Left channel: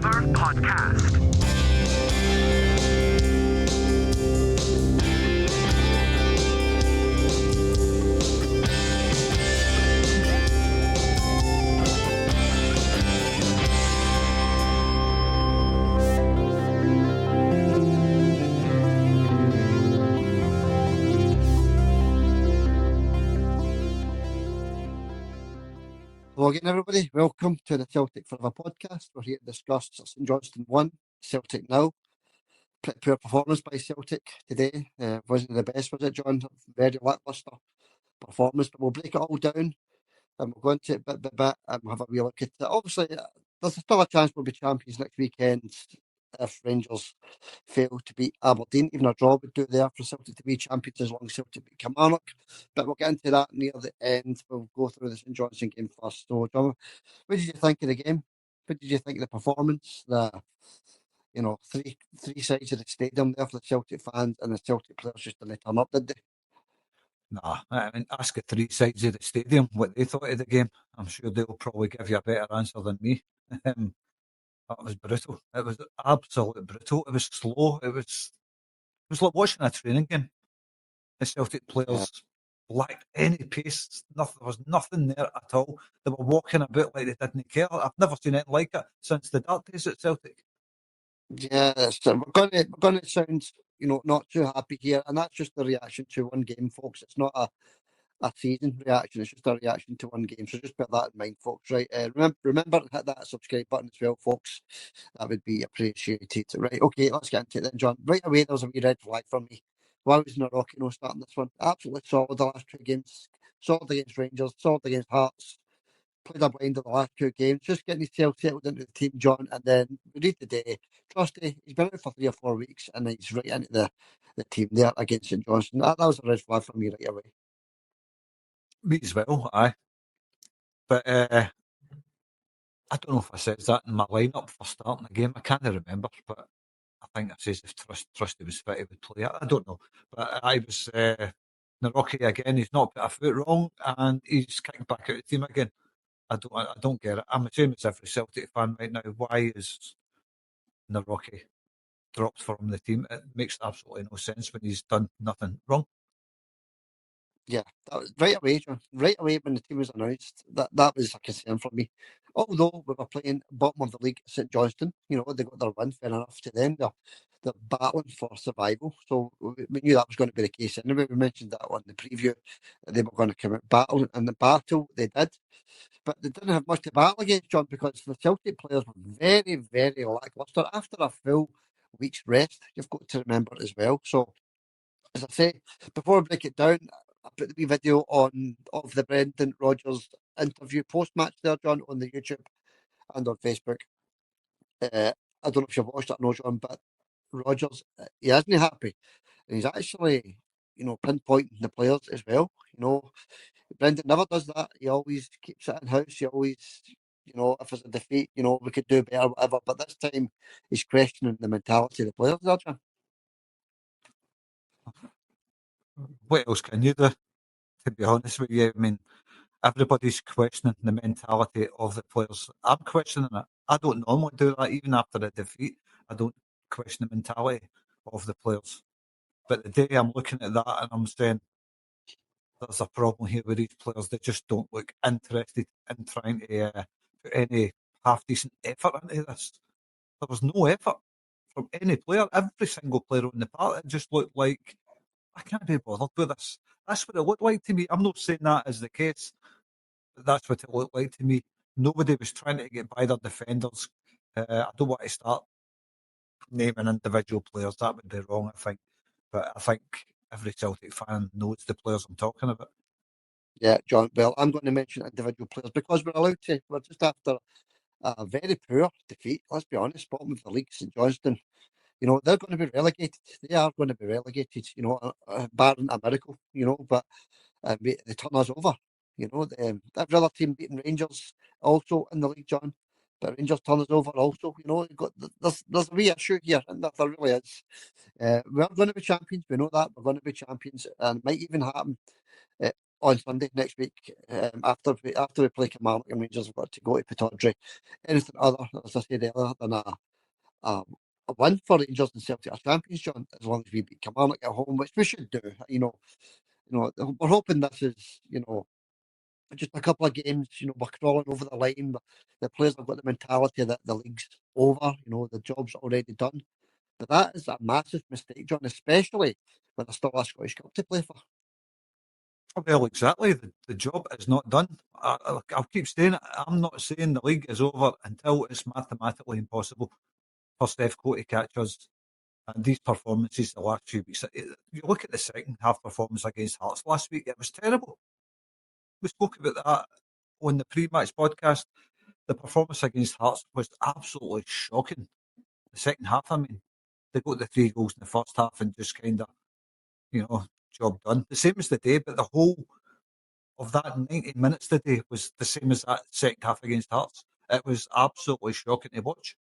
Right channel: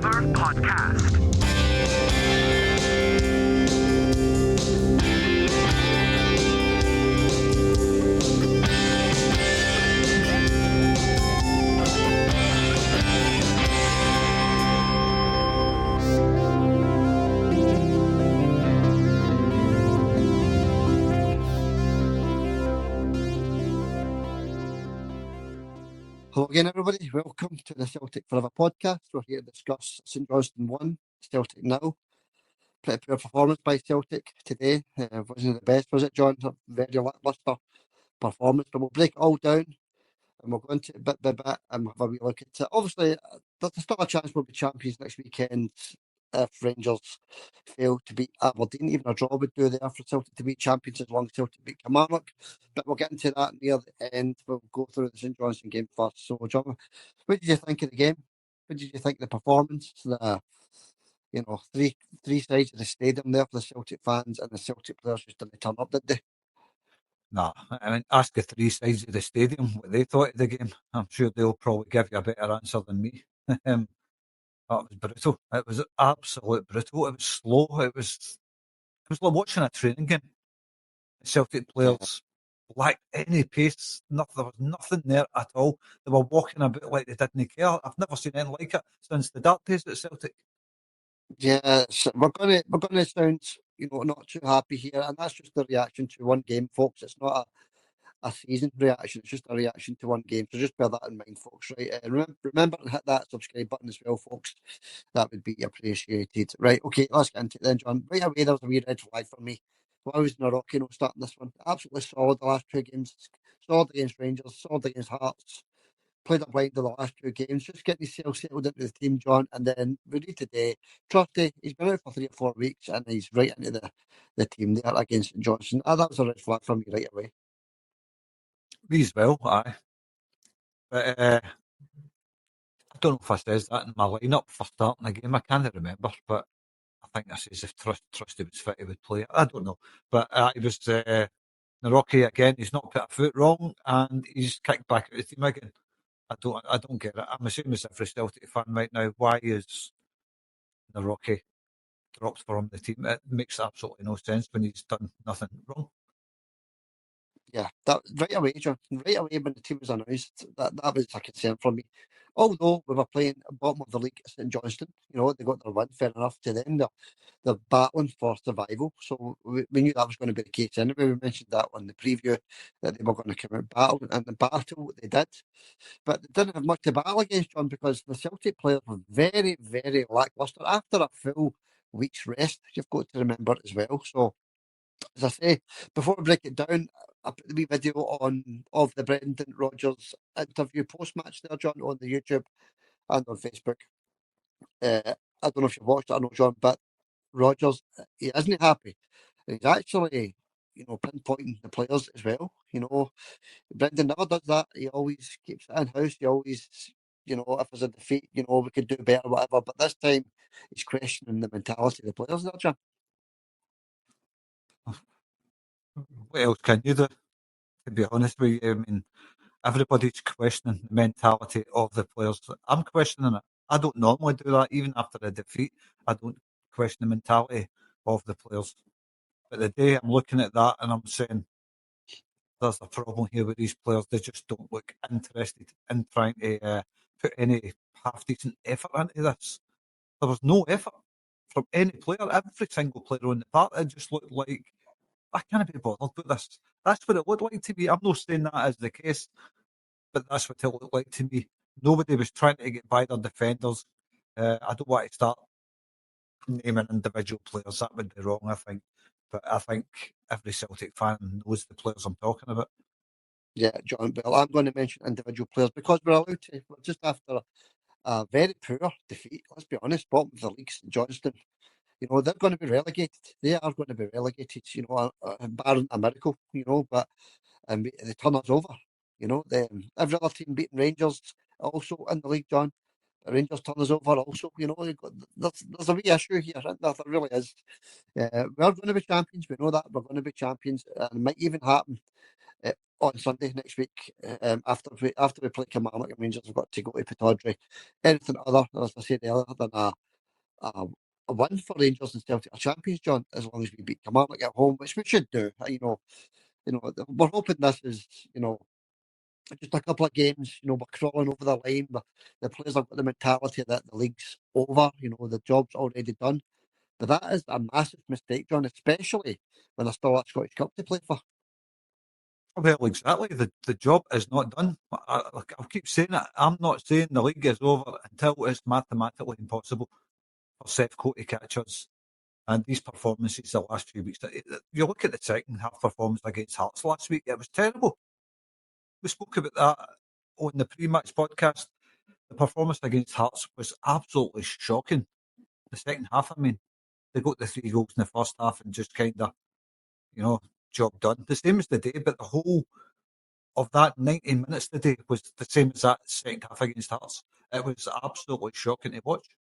River Podcast. Hello again, everybody. Welcome to the Celtic Forever podcast. We're here to discuss St Johnstone 1, Celtic 0. Pretty poor performance by Celtic today. Wasn't the best, was it, John? Very lacklustre performance, but we'll break it all down and we'll go into it bit by bit and we'll have a wee look at it. Obviously, there's still a chance we'll be champions next weekend if Rangers fail to beat Aberdeen. Even a draw would do there for Celtic to be champions as long as Celtic beat Kilmarnock. But we'll get into that near the end. We'll go through the St Johnstone game first. So, John, what did you think of the game? What did you think of the performance? Three sides of the stadium there for the Celtic fans, and the Celtic players just didn't turn up, did they? Nah, I mean, ask the three sides of the stadium what they thought of the game. I'm sure they'll probably give you a better answer than me. That was brutal. It was absolute brutal. It was slow. It was like watching a training game. The Celtic players lacked any pace. There was nothing there at all. They were walking about like they didn't care. I've never seen anything like it since the dark days at Celtic. Yeah, so we're gonna sound not too happy here, and that's just the reaction to one game, folks. It's not a season reaction. It's just a reaction to one game. So just bear that in mind, folks. Right? Remember to hit that subscribe button as well, folks. That would be appreciated. Right? Okay, let's get into it then, John. Right away, there's a wee red flag for me. Why was Narocki starting this one? Absolutely solid the last two games. Solid against Rangers. Solid against Hearts. Played a blind in the last two games. Just getting himself settled into the team, John. And then we read today, Trusty, he's been out for 3 or 4 weeks and he's right into the team there against St Johnstone. That was a red flag for me right away. Me as well, aye. But I don't know if I says that in my lineup for starting the game. I can't remember, but I think I says if Trusty was fit, he would play it. I don't know. But he was Narocki again. He's not put a foot wrong and he's kicked back out of the team again. I don't get it. I'm the same as every Celtic fan right now. Why is Narocki dropped from the team? It makes absolutely no sense when he's done nothing wrong. Yeah, that right away, John. Right away when the team was announced, that was a concern for me. Although we were playing bottom of the league, St Johnstone, they got their win, fair enough to them. They're battling for survival, so we knew that was going to be the case anyway. We mentioned that on the preview that they were going to come out battling, and the battle they did, but they didn't have much to battle against, John, because the Celtic players were very, very lacklustre after a full week's rest. You've got to remember as well. So, as I say, before I break it down, I put the wee video of the Brendan Rodgers interview post-match there, John, on the YouTube and on Facebook. I don't know if you've watched it or no, John, but Rodgers, he isn't happy. And he's actually, pinpointing the players as well. Brendan never does that. He always keeps it in-house. He always, if there's a defeat, we could do better, whatever. But this time, he's questioning the mentality of the players there, John. What else can you do, to be honest with you? I mean, everybody's questioning the mentality of the players. I'm questioning it. I don't normally do that. Even after a defeat, I don't question the mentality of the players. But the day I'm looking at that and I'm saying, there's a problem here with these players. They just don't look interested in trying to put any half-decent effort into this. There was no effort from any player. Every single player on the park, it just looked like, I can't be bothered with this. That's what it looked like to me. I'm not saying that is the case, but that's what it looked like to me. Nobody was trying to get by their defenders. I don't want to start naming individual players. That would be wrong, I think. But I think every Celtic fan knows the players I'm talking about. Yeah, John. Well, I'm going to mention individual players because we're allowed to. We're just after a very poor defeat. Let's be honest. Bottom of the league, St Johnstone. They're going to be relegated. They are going to be relegated, barring a miracle, but they turn us over. Every other team beating Rangers also in the league, John, but Rangers turn us over also. There's a wee issue here, and there really is. We're going to be champions. We know that. We're going to be champions, and it might even happen on Sunday next week. After we play Kilmarnock and Rangers, have got to go to Pittodrie. Anything other, as I said earlier, than a win for Rangers and Celtic are champions, John. As long as we beat Kilmarnock at home, which we should do. We're hoping this is just a couple of games. We're crawling over the line. The players have got the mentality that the league's over. The job's already done. But that is a massive mistake, John, especially when there's still a Scottish Cup to play for. Well, exactly. The job is not done. I'll keep saying it. I'm not saying the league is over until it's mathematically impossible for Sevco to catch us. And these performances the last few weeks, you look at the second half performance against Hearts last week, it was terrible. We spoke about that on the pre-match podcast. The performance against Hearts was absolutely shocking. The second half, they got the 3 goals in the first half and just kind of, job done. The same as the day, but the whole of that 90 minutes today was the same as that second half against Hearts. It was absolutely shocking to watch.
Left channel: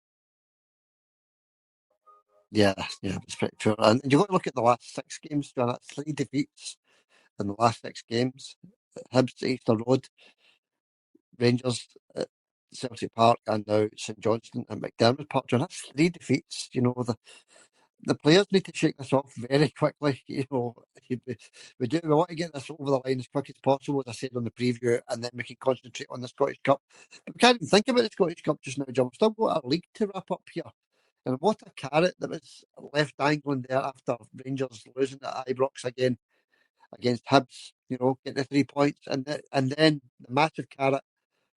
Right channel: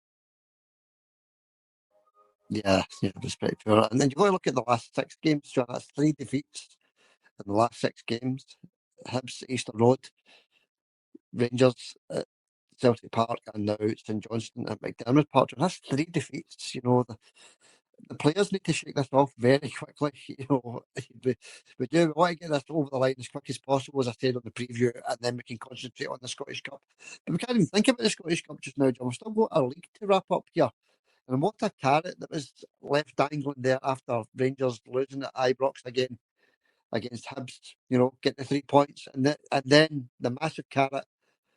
Yeah, it was pretty poor. And you've got to look at the last 6 games, John. That's 3 defeats in the last 6 games. Hibs at Easter Road, Rangers at Celtic Park, and now St Johnstone at McDermott Park. John, that's 3 defeats. The players need to shake this off very quickly. We want to get this over the line as quick as possible, as I said on the preview, and then we can concentrate on the Scottish Cup. But we can't even think about the Scottish Cup just now, John. We've still got our league to wrap up here. And what a carrot that was left dangling there after Rangers losing at Ibrox again against Hibs, get the 3 points. And then the massive carrot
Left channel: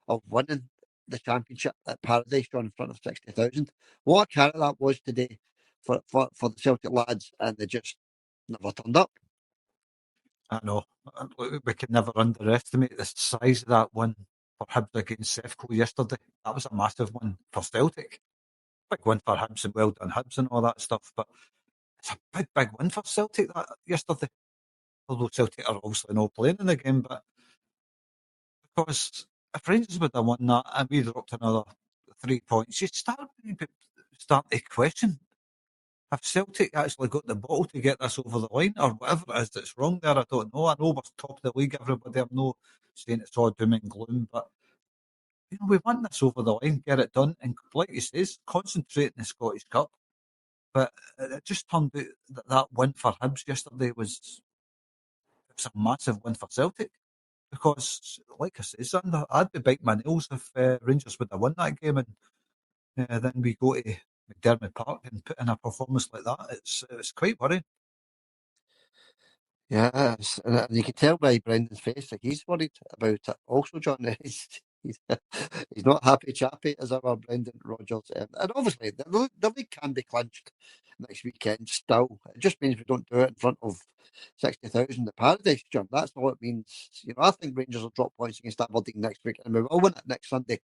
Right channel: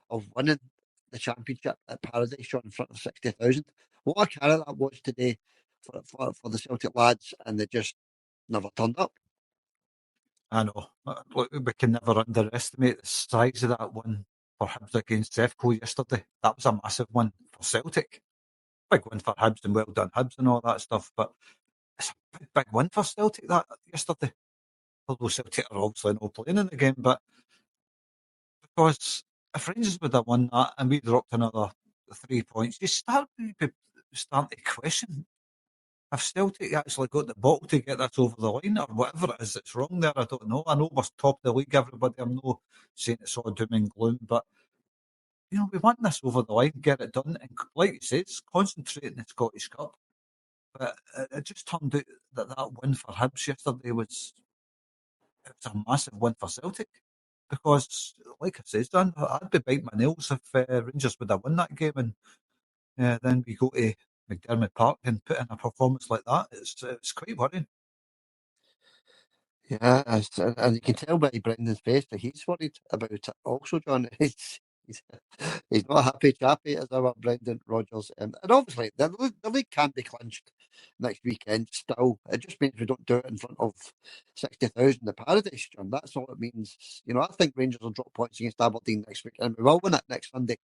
of winning the championship at Paradise, John, in front of 60,000. What a carrot that was today for the Celtic lads, and they just never turned up. I know. We can never underestimate the size of that win for Hibs against Sevco yesterday. That was a massive win for Celtic. Big win for Hibs, and well done Hibs and all that stuff, but it's a big win for Celtic that yesterday. Although Celtic are obviously not playing in the game, but because if Rangers would have won that and we dropped another 3 points, you start to question, have Celtic actually got the bottle to get this over the line, or whatever it is that's wrong there? I don't know. I know we're top of the league, everybody. I'm not saying it's all doom and gloom, but we want this over the line, get it done, and like you says, concentrate in the Scottish Cup. But it just turned out that win for Hibs yesterday was a massive win for Celtic. Because, like I say, Sander, I'd be biting my nails if Rangers would have won that game, and then we go to McDermott Park and put in a performance like that. It's quite worrying. Yeah, and you can tell by Brendan's face that he's worried about it also, John. He's not a happy chappy as our Brendan Rodgers. And obviously, the league can be clinched next weekend still. It just means we don't do it in front of 60,000 at Paradise, John. That's all it means. I think Rangers will drop points against Aberdeen next week, and we will win it next Sunday.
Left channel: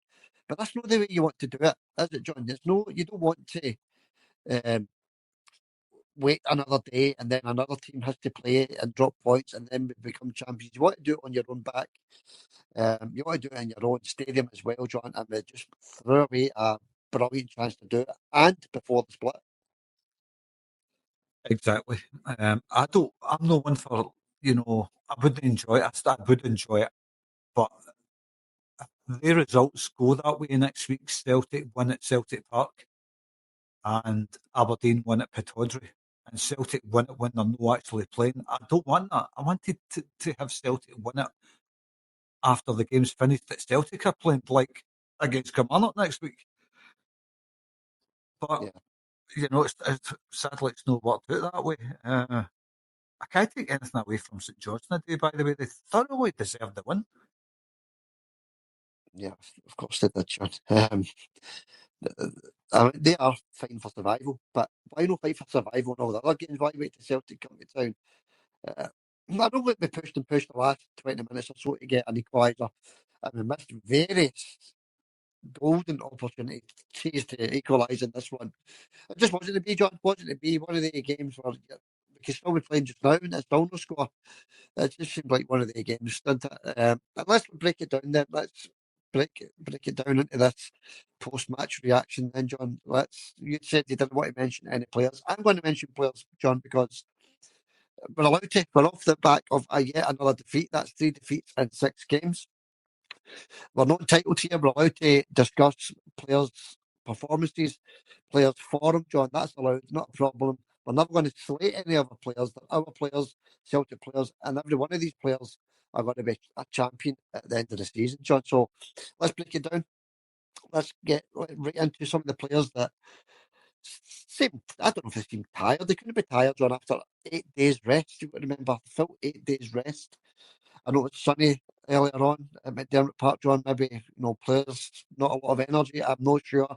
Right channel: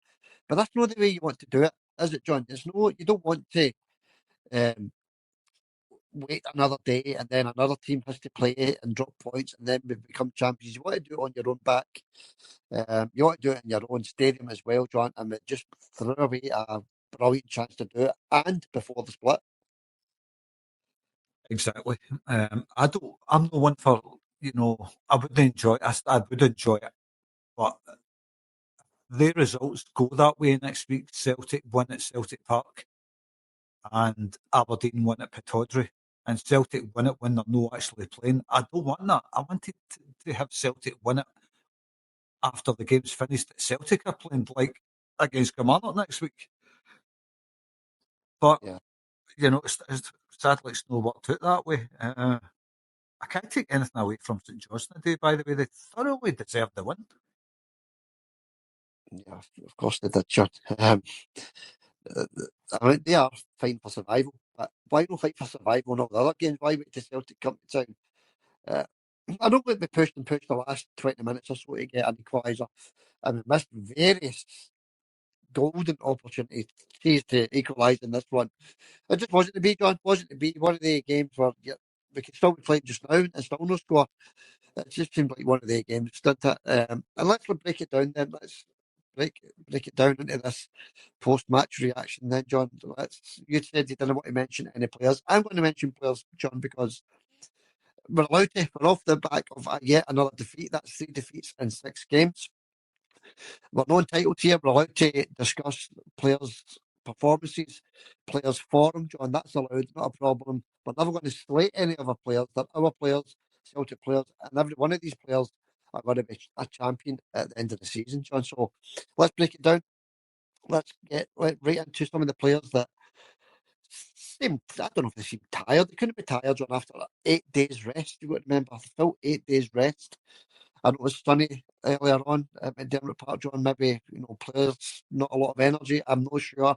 But that's not the way you want to do it, is it, John? You don't want to wait another day and then another team has to play and drop points and then we become champions. You want to do it on your own back. You want to do it in your own stadium as well, John, and we just threw away a brilliant chance to do it, and before the split. Exactly. I'm no one for, I wouldn't enjoy it. I would enjoy it, but the results go that way next week. Celtic win at Celtic Park and Aberdeen win at Pittodrie, and Celtic win it when they're not actually playing. I don't want that. I wanted to have Celtic win it after the game's finished that Celtic are playing, like against Kilmarnock next week. But, sadly it's not worked out that way. I can't take anything away from St Johnstone today, by the way. They thoroughly deserved the win. Yeah, of course they did, John. They are fighting for survival, but why not fight for survival in all the other games? Why wait till Celtic come to town? I know we pushed the last 20 minutes or so to get an equaliser, and we missed various golden opportunities to equalise in this one. It just wasn't to be, John. Wasn't to be one of the games where we could still be playing just now and still no score. It just seemed like one of the games, didn't it? And let's break it down then. Let's break it down into this post-match reaction then, John. You said you didn't want to mention any players. I'm going to mention players, John, because we're allowed to. We're off the back of yet another defeat. That's 3 defeats in 6 games. We're not entitled here. We're allowed to discuss players' performances, players' form, John. That's allowed, not a problem. We're never going to slate any other players. They're our players, Celtic players, and every one of these players are going to be a champion at the end of the season, John. So let's break it down. Let's get right into some of the players that seem, I don't know if they seem tired. They couldn't be tired, John, after 8 days rest. You've got to remember, the full 8 days rest. I know it was sunny earlier on at McDermott Park, John. Maybe, players, not a lot of energy. I'm not sure.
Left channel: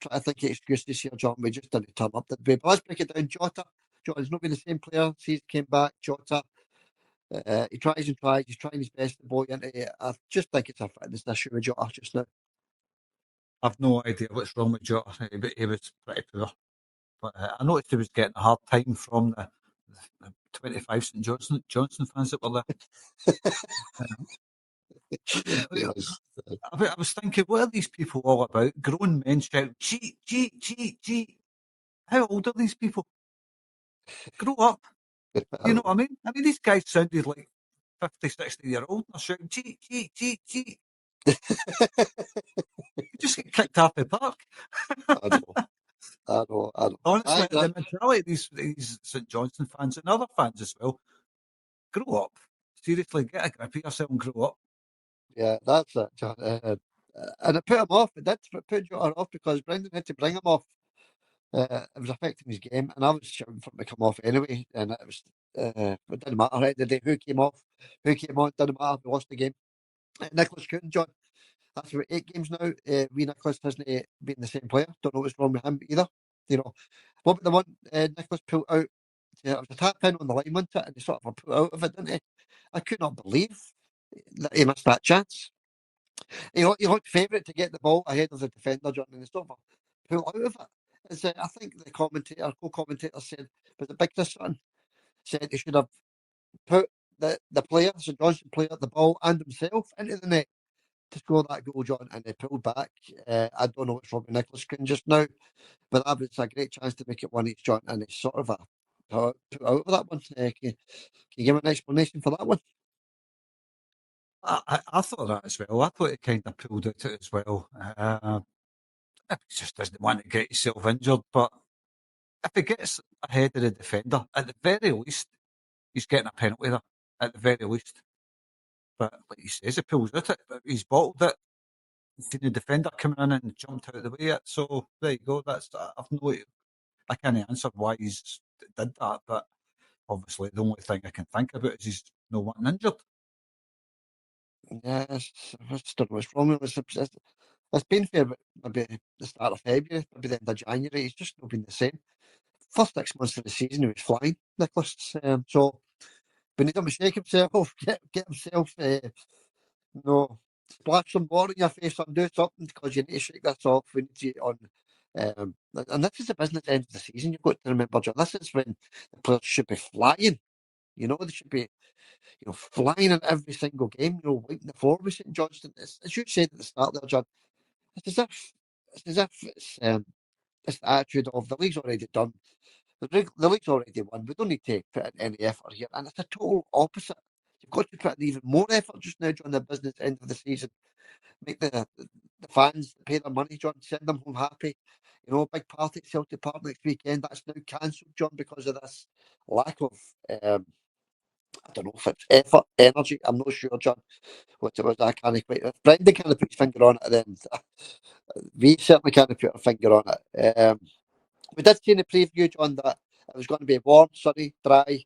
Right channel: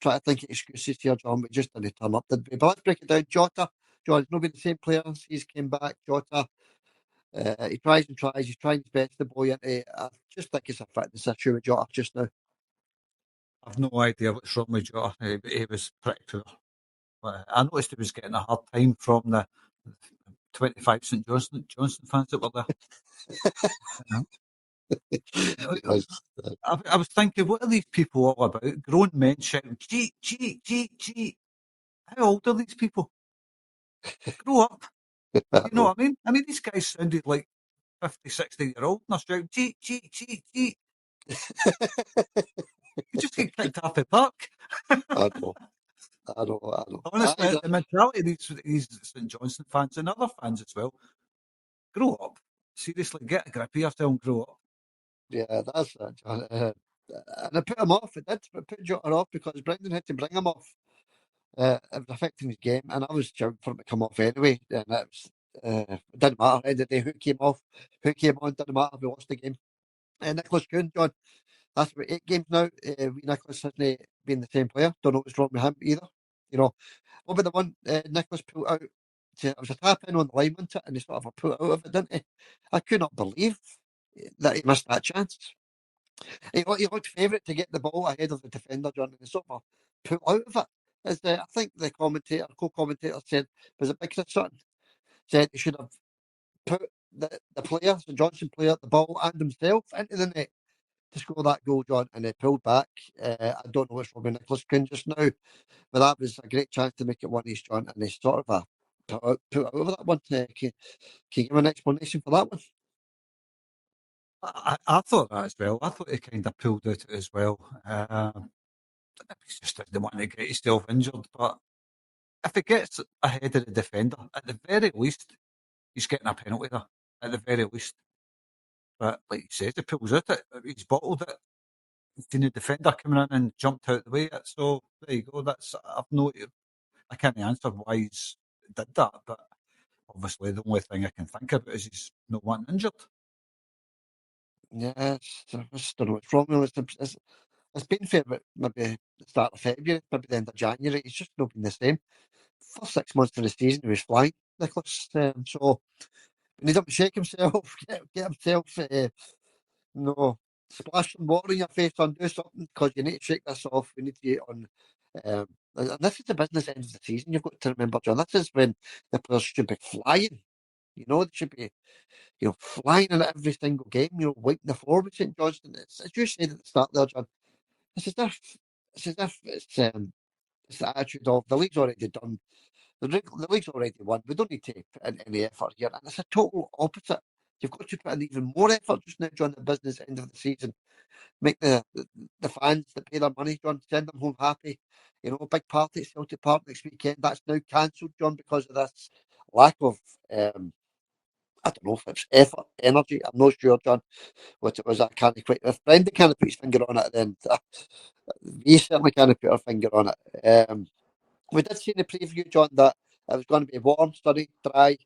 Try to think of excuses here, John. We just didn't turn up, did we? But let's break it down. Jota, John, he's not been the same player. He's came back. Jota, he tries and tries. He's trying his best to boy into it. I just think it's a fitness issue with Jota just now. I've no idea what's wrong with Jota. He was pretty poor. But I noticed he was getting a hard time from the 25 St Johnstone fans that were there. I was thinking, what are these people all about? Grown men shouting, cheat, cheat, cheat, cheat. How old are these people? Grow up. You know what I mean? I mean, these guys sounded like 50, 60-year-old and they're shouting, cheat, cheat, cheat, cheat. You just get kicked off the park. I know. Honestly, the mentality of these St Johnstone fans and other fans as well, grow up. Seriously, get a grip of yourself and grow up. Yeah, that's it, John. And it put him off. It did. It put Jota off because Brendan had to bring him off. It was affecting his game, and I was shouting for him to come off anyway. And it was it didn't matter. At the end of the day, who came off, who came on, didn't matter. We lost the game. Nicolas Kühn, John. That's about 8 games now. Nicolas hasn't been the same player. Don't know what's wrong with him either. What about the one Nicolas pulled out? It was a tap in on the line, wasn't it? And he sort of pulled out of it, didn't he? I could not believe that he missed that chance. He looked favourite to get the ball ahead of the defender, John, and he sort of pulled out of it. As I think the co-commentator said, was it Big Chris Sutton? Said he should have put the player, St Johnstone player, the ball and himself into the net to score that goal, John, and he pulled back. I don't know what's wrong with Nicolas Kühn just now, but that was a great chance to make it 1-1, John, and he sort of put out of that one. Can you give an explanation for that one? I thought that as well. I thought he kind of pulled out it as well. He just doesn't want to get himself injured, but if he gets ahead of the defender, at the very least, he's getting a penalty there, at the very least. But like he says, he pulls out it. He's bottled it. He's seen the defender coming in and jumped out the way. So there you go. I can't answer why he's did that, but obviously the only thing I can think about is he's not wanting injured. Yes, I just don't know what's wrong with him. It's been fair, but maybe the start of February, maybe the end of January. He's just not been the same. First 6 months of the season, he was flying, Nicolas. So we need him to shake himself, get himself, splash some water in your face and do something because you need to shake this off. We need to get on. And this is the business end of the season. You've got to remember, John. This is when the players should be flying. They should be, flying in every single game. Wiping the floor with St Johnstone. As you said at the start there, John. It's as if it's the attitude of the league's already done. The league's already won. We don't need to put in any effort here. And it's a total opposite. You've got to put in even more effort just now, John, the business end of the season. Make the fans that pay their money, John, send them home happy. Big party at Celtic Park next weekend. That's now cancelled, John, because of this lack of, I don't know if it's effort, energy. I'm not sure, John, what it was. I can't quite. If Brendan can't put his finger on it, then we certainly can't put our finger on it. We did see in the preview, John, that it was going to be warm, sunny, dry.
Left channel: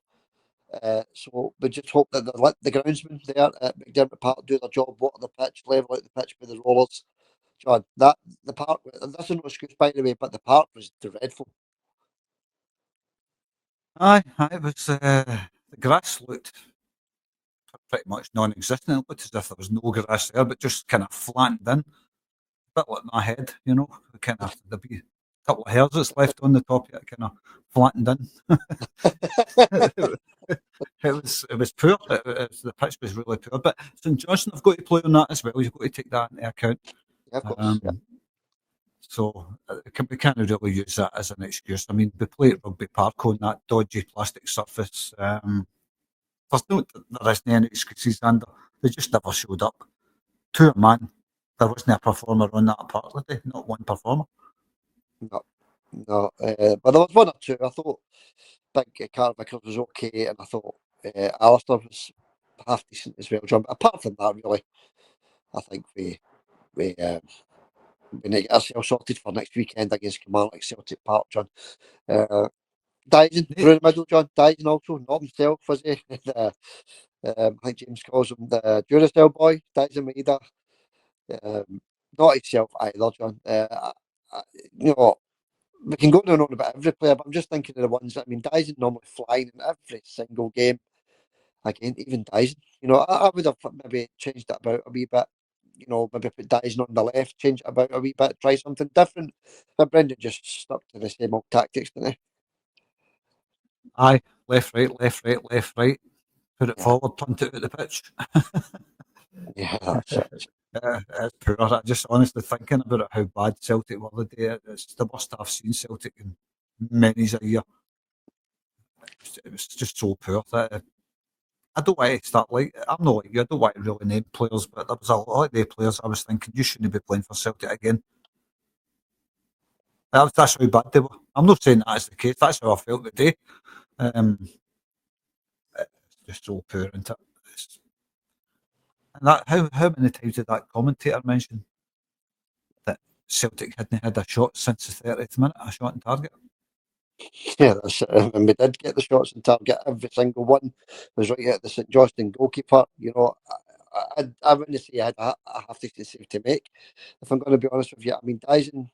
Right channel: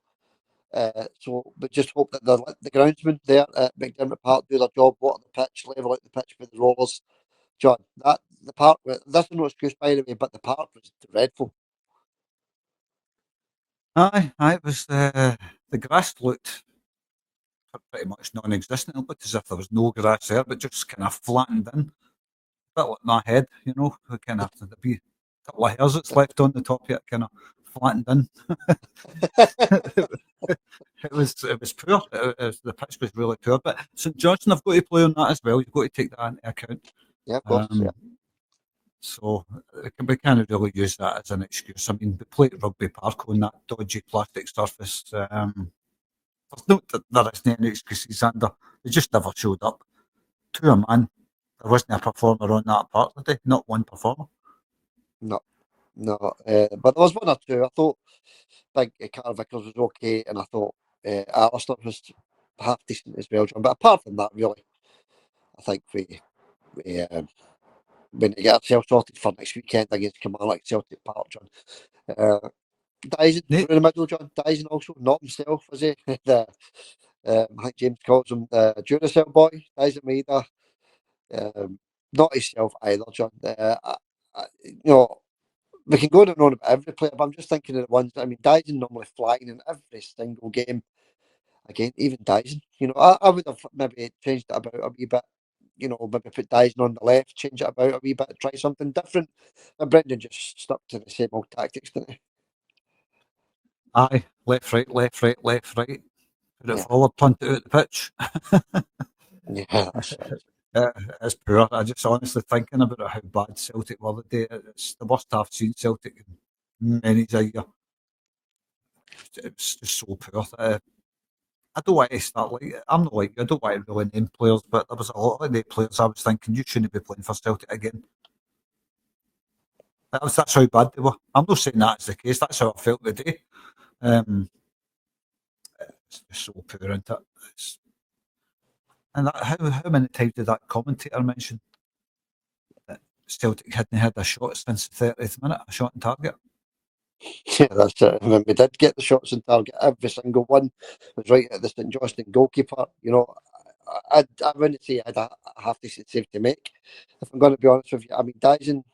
So we just hope that the groundsmen there at McDermott Park do their job, water the pitch, level out the pitch with the rollers. John, the park, this is no excuse by the way, but the park was dreadful. Aye, it was, the grass looked pretty much non-existent. It looked as if there was no grass there, but just kind of flattened in. A bit like my head, kind of, there'd be a couple of hairs that's left on the top of it, kind of flattened in. It was poor. The pitch was really poor. But St Johnstone have got to play on that as well. You've got to take that into account. Yeah, of course. So we can't really use that as an excuse. I mean, we play at Rugby Park on that dodgy plastic surface. There isn't any excuses, Ander. They just never showed up. To a man, there wasn't a performer on that part today. Not one performer. No. But there was one or two. I thought Big Carter Vickers was okay, and I thought Alistair was half decent as well, John. But apart from that, really, I think we need to get ourselves sorted for next weekend against Kilmarnock at Celtic Park, John. Daizen through the middle, John. Daizen also, not himself, was he? I think James calls him the Duracell boy, Daizen Maeda. Not himself either, John. We can go on and on about every player, but I'm just thinking of the ones that, I mean, Daizen normally flying in every single game. Again, even Daizen. I would have maybe changed it about a wee bit. Maybe put Daizen on the left, change it about a wee bit, try something different. But Brendan just stuck to the same old tactics, didn't he? Aye, left, right, left, right, left, right. Put it forward, punt it out the pitch. Yeah, that's it. It's poor. I just honestly thinking about it, how bad Celtic were today. It's the worst I've seen Celtic in many a year. It was just so poor. I don't want to start I'm not like you. I don't want to really name players, but there was a lot of the players I was thinking you shouldn't be playing for Celtic again. That's how bad they were. I'm not saying that is the case. That's how I felt today. It's just so poor, isn't it? And that how many times did that commentator mention that Celtic hadn't had a shot since the 30th minute, a shot on target? Yeah, that's it. When we did get the shots on target, every single one was right at the St Johnstone goalkeeper. I wouldn't say I had a half decent save to make, if I'm going to be honest with you. I mean, Rio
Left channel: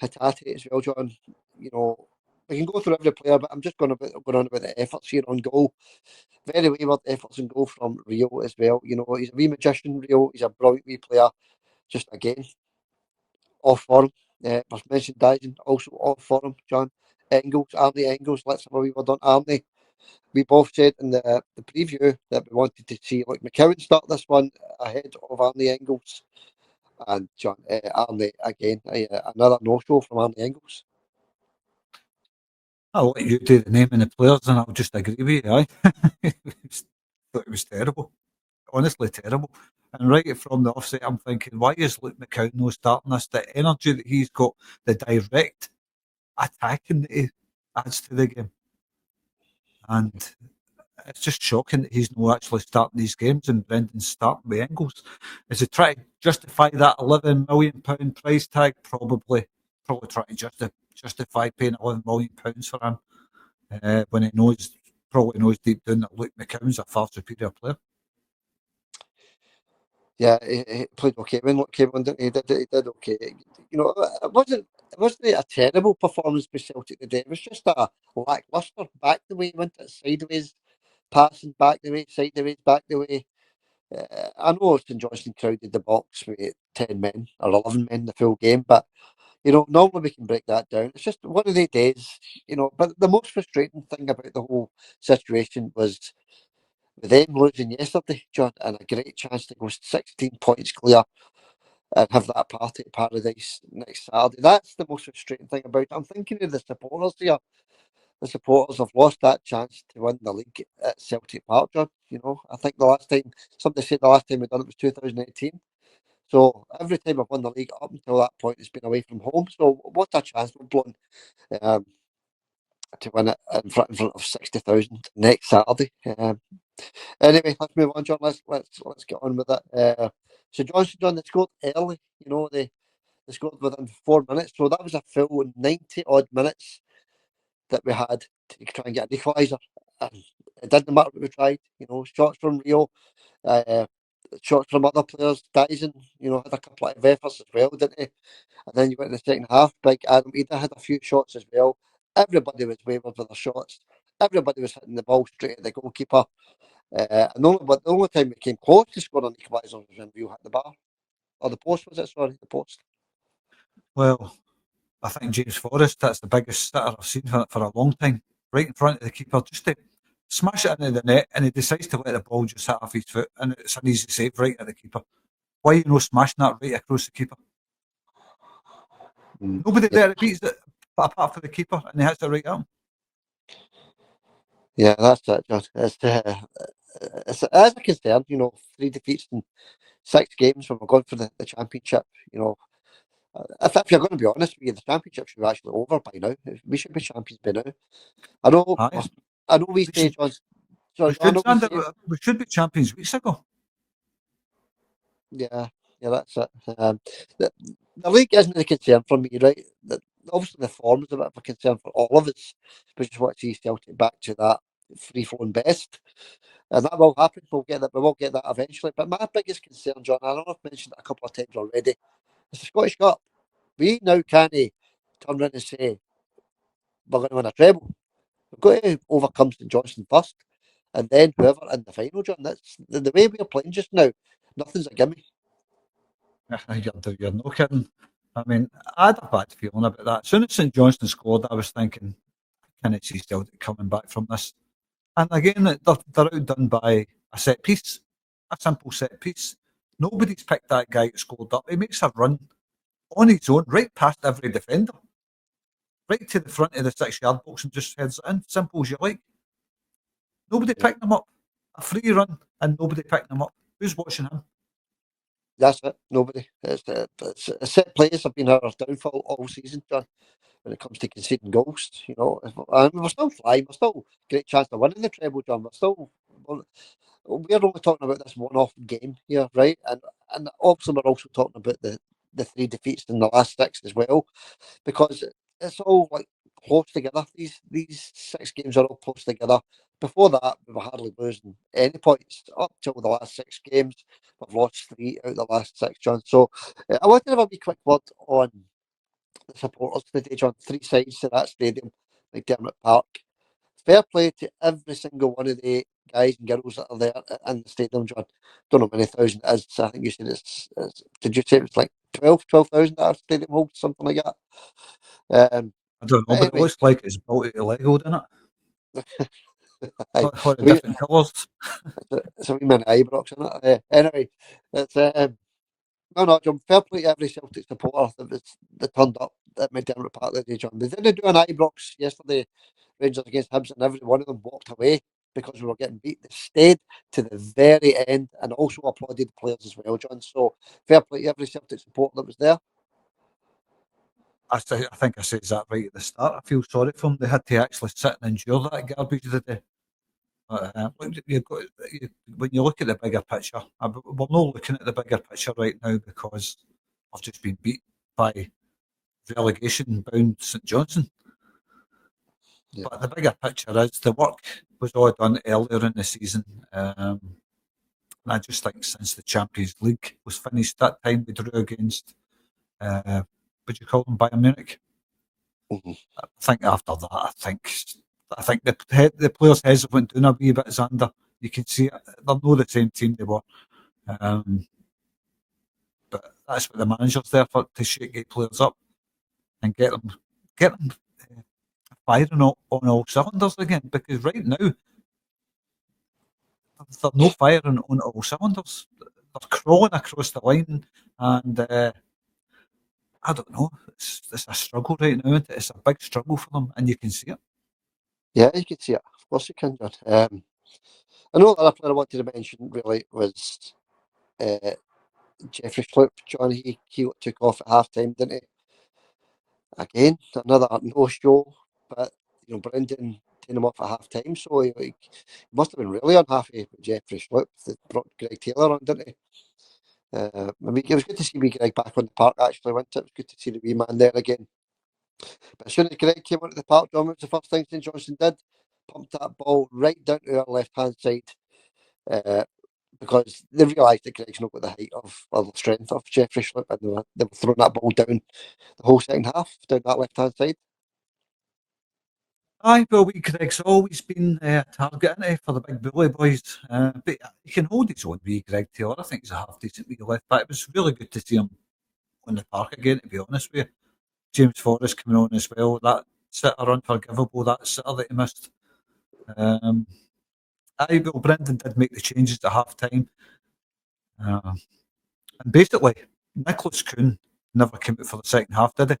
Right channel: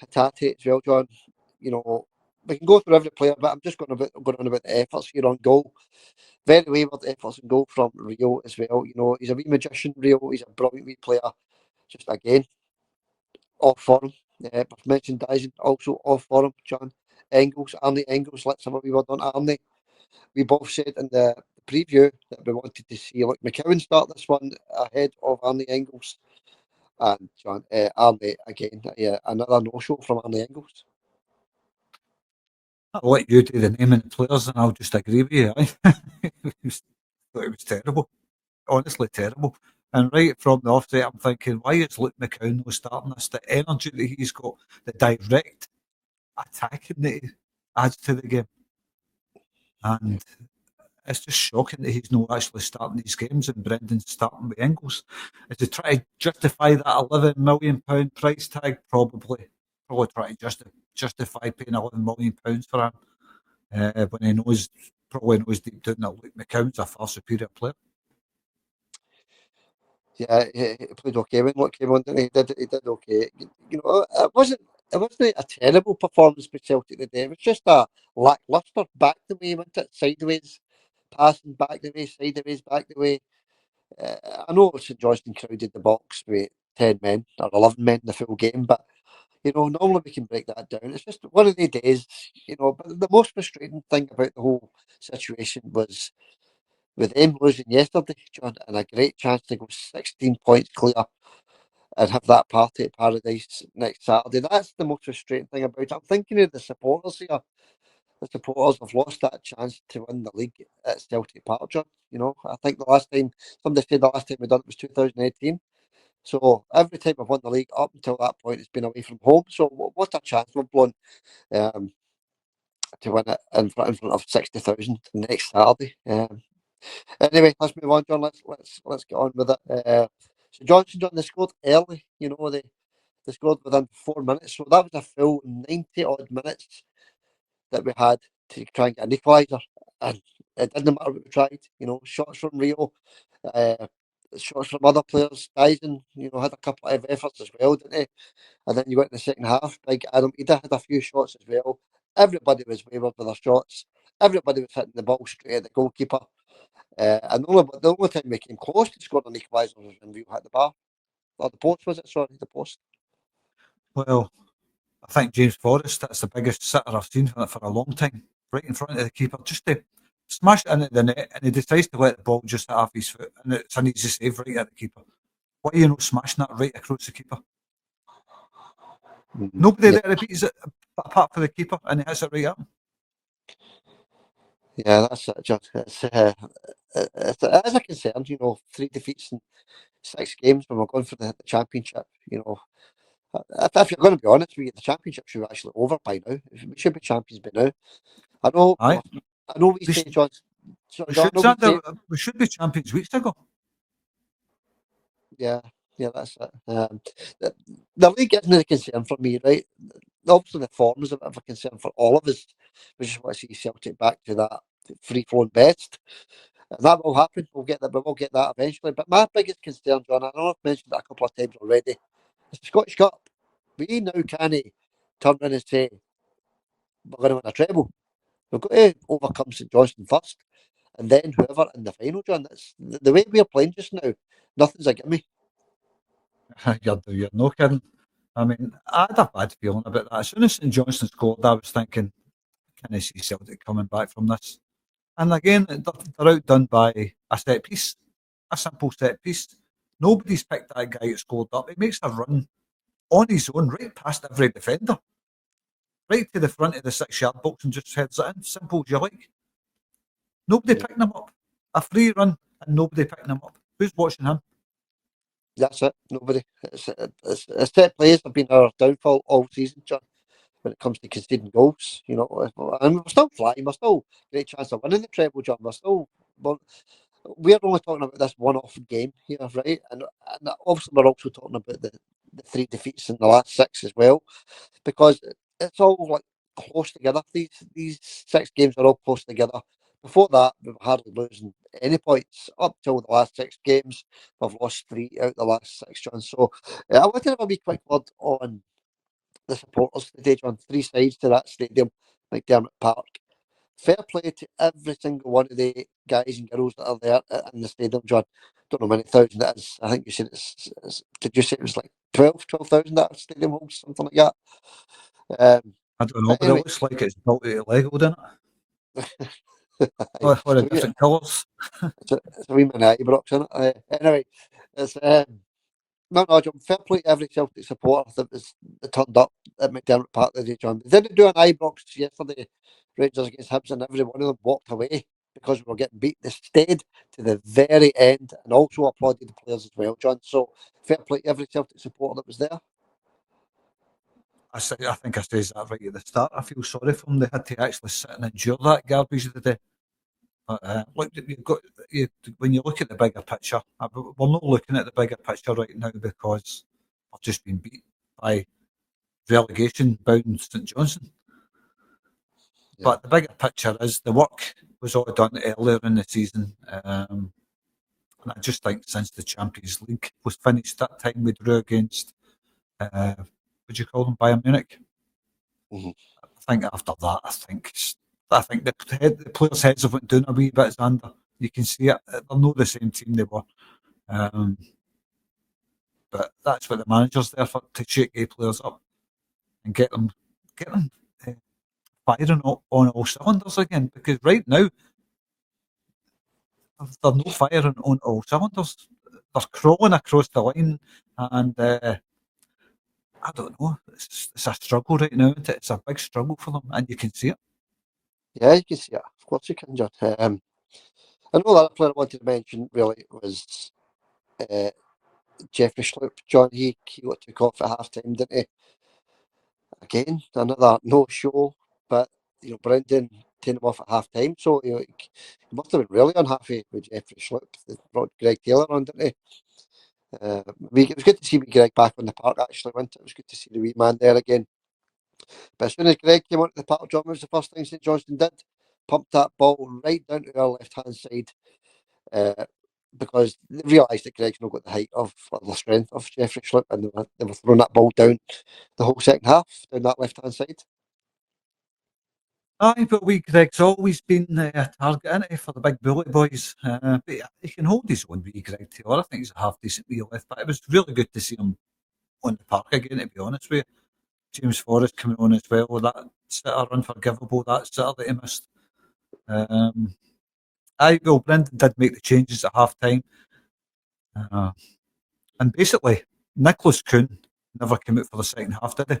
Hatate as well, John. We can go through every player, but I'm just going on about the efforts here on goal. Very wayward efforts in goal from Rio as well. He's a wee magician, Rio. He's a brilliant wee player. Just again, off form. I've mentioned Daizen, also off form. John Arnie Engels. Let's have a wee word on Arnie. We both said in the preview that we wanted to see McKeown start this one ahead of Arnie Engels. And John, Arnie again, another no-show from Arnie Engels. I'll let you do the name and the players, and I'll just agree with you. Thought it was terrible, honestly terrible. And right from the offset, I'm thinking, why is Luke McKeown not starting this? The energy that he's got, the direct attacking that he adds to the game, and it's just shocking that he's not actually starting these games and Brendan's starting with Engels. Is he trying to justify that £11 million price tag? Probably trying to justify paying £11 million for him when he probably knows deep down that Luke McKeown's a far superior player. Yeah, he played okay when Luke came on, didn't he? He did okay. It wasn't a terrible performance by Celtic today. It was just a lacklustre back the way, wasn't it? Sideways, passing back the way, sideways, back the way. I know St Johnstone crowded the box with 10 men or 11 men the full game, but normally we can break that down. It's just one of the days, But the most frustrating thing about the whole situation was with them losing yesterday, John, and a great chance to go 16 points clear and have that party at Paradise next Saturday. That's the most frustrating thing about it. I'm thinking of the supporters here. The supporters have lost that chance to win the league at Celtic Park, John. I think somebody said the last time we done it was 2018. So every time I've won the league up until that point, it's been away from home. So what a chance we've blown to win it in front of 60,000 next Saturday. Anyway, let's move on, John. Let's get on with it. So Johnson, John, they scored early. They scored within 4 minutes. So that was a full 90 odd minutes that we had to try and get an equaliser, and it didn't matter what we tried. Shots from Rio, shots from other players. Daizen, had a couple of efforts as well, didn't he? And then you got in the second half. Big Adam Ida had a few shots as well. Everybody was wayward with their shots. Everybody was hitting the ball straight at the goalkeeper. And the only time we came close to scoring an equaliser was when Rio hit the bar. Or the post, was it? Sorry, the post. Well, I think James Forrest, that's the biggest sitter I've seen for a long time. Right in front of the keeper, just to smash it into the net, and he decides to let the ball just hit off his foot, and it's an easy save right at the keeper. Why are you not smashing that right across the keeper? Nobody there beats it apart from the keeper, and he hits it right at him. Yeah, that's it, John. It's as a concern, 3 defeats in 6 games when we're going for the championship. If you're going to be honest with you, the championship should be actually over by now. We should be champions by now. I know we say, John. We should be champions weeks ago. Yeah, that's it. The league isn't a concern for me, right? Obviously, the form is a bit of a concern for all of us. We just want to see Celtic back to that free-flowing best, and that will happen. We will get that eventually. But my biggest concern, John, I know I've mentioned it a couple of times already, is the Scottish Cup. We now can't turn around and say we're going to win a treble. We've got to overcome St Johnstone first, and then whoever in the final, John. That's the way we're playing just now. Nothing's a gimme. You're no kidding. I mean, I had a bad feeling about that. As soon as St Johnstone scored, I was thinking, can I see Celtic coming back from this? And again, they're outdone by a set piece, a simple set piece. Nobody's picked that guy that scored up. He makes a run on his own, right past every defender, right to the front of the 6-yard box and just heads it in. Simple as you like. Nobody picking him up. A free run and nobody picking him up. Who's watching him? That's it. Nobody. It's set plays have been our downfall all season, John. When it comes to conceding goals, and we're still flying. We're still great chance of winning the treble, John. We're only talking about this one-off game here, right? And obviously we're also talking about the 3 defeats in the last 6 as well, because it's all like close together. These 6 games are all close together. Before that, we were hardly losing any points up till the last 6 games. We've lost 3 out of the last 6, John. So I wanted to have a wee quick word on the supporters today, John. 3 sides to that stadium, McDermott Park. Fair play to every single one of the guys and girls that are there in the stadium, John. Don't know how many thousand it is. I think you said did you say it was like 12,000 that our stadium holds, something like that? I don't know, but anyway, it looks like it's built out of Lego, doesn't it? For the different colours. It's a wee mini Ibrox, isn't it? Anyway, it's no, John. Fair play to every Celtic supporter that turned up at McDermott Park today, John. They didn't do an Ibrox yesterday, Rangers against Hibs, and every one of them walked away because we were getting beat. They stayed to the very end and also applauded the players as well, John. So fair play to every Celtic supporter that was there. I think I says that right at the start. I feel sorry for them. They had to actually sit and endure that garbage today. Look, when you look at the bigger picture, we're not looking at the bigger picture right now because I've just been beat by relegation-bound St Johnstone. Yeah. But the bigger picture is the work was all done earlier in the season. And I just think since the Champions League was finished, that time we drew against, would you call them, Bayern Munich? Mm-hmm. I think after that, I think the players' heads have went down a wee bit, Xander. You can see it. They're not the same team they were. But that's what the manager's there for, to shake the players up and get them firing on all cylinders again. Because right now, they're no firing on all cylinders. They're crawling across the line, and I don't know. It's a struggle right now, isn't it? It's a big struggle for them, and you can see it. Yeah, you can see it. Of course you can, John. I know the other player I wanted to mention really was Jeffrey Schlupp. John, he took off at half-time, didn't he? Again, another no-show, but Brendan taking him off at half-time, so he must have been really unhappy with Jeffrey Schlupp. They brought Greg Taylor on, didn't he? It was good to see wee Greg back on the park, actually, wasn't it? It was good to see the wee man there again. But as soon as Greg came onto the park, John, it was the first thing St Johnstone did. Pumped that ball right down to our left-hand side because they realised that Greg's not got the height or the strength of Jeffrey Schlupp, and they were throwing that ball down the whole second half, down that left-hand side. Aye, but Greg's always been a target, isn't he, for the big bully boys. But he can hold his own, Greg Taylor. I think he's a half-decent wee left back. It was really good to see him on the park again, to be honest with you. James Forrest coming on as well. That sitter unforgivable, that sitter that he missed. Brendan did make the changes at half-time. And basically, Nicolas Kühn never came out for the second half, did he?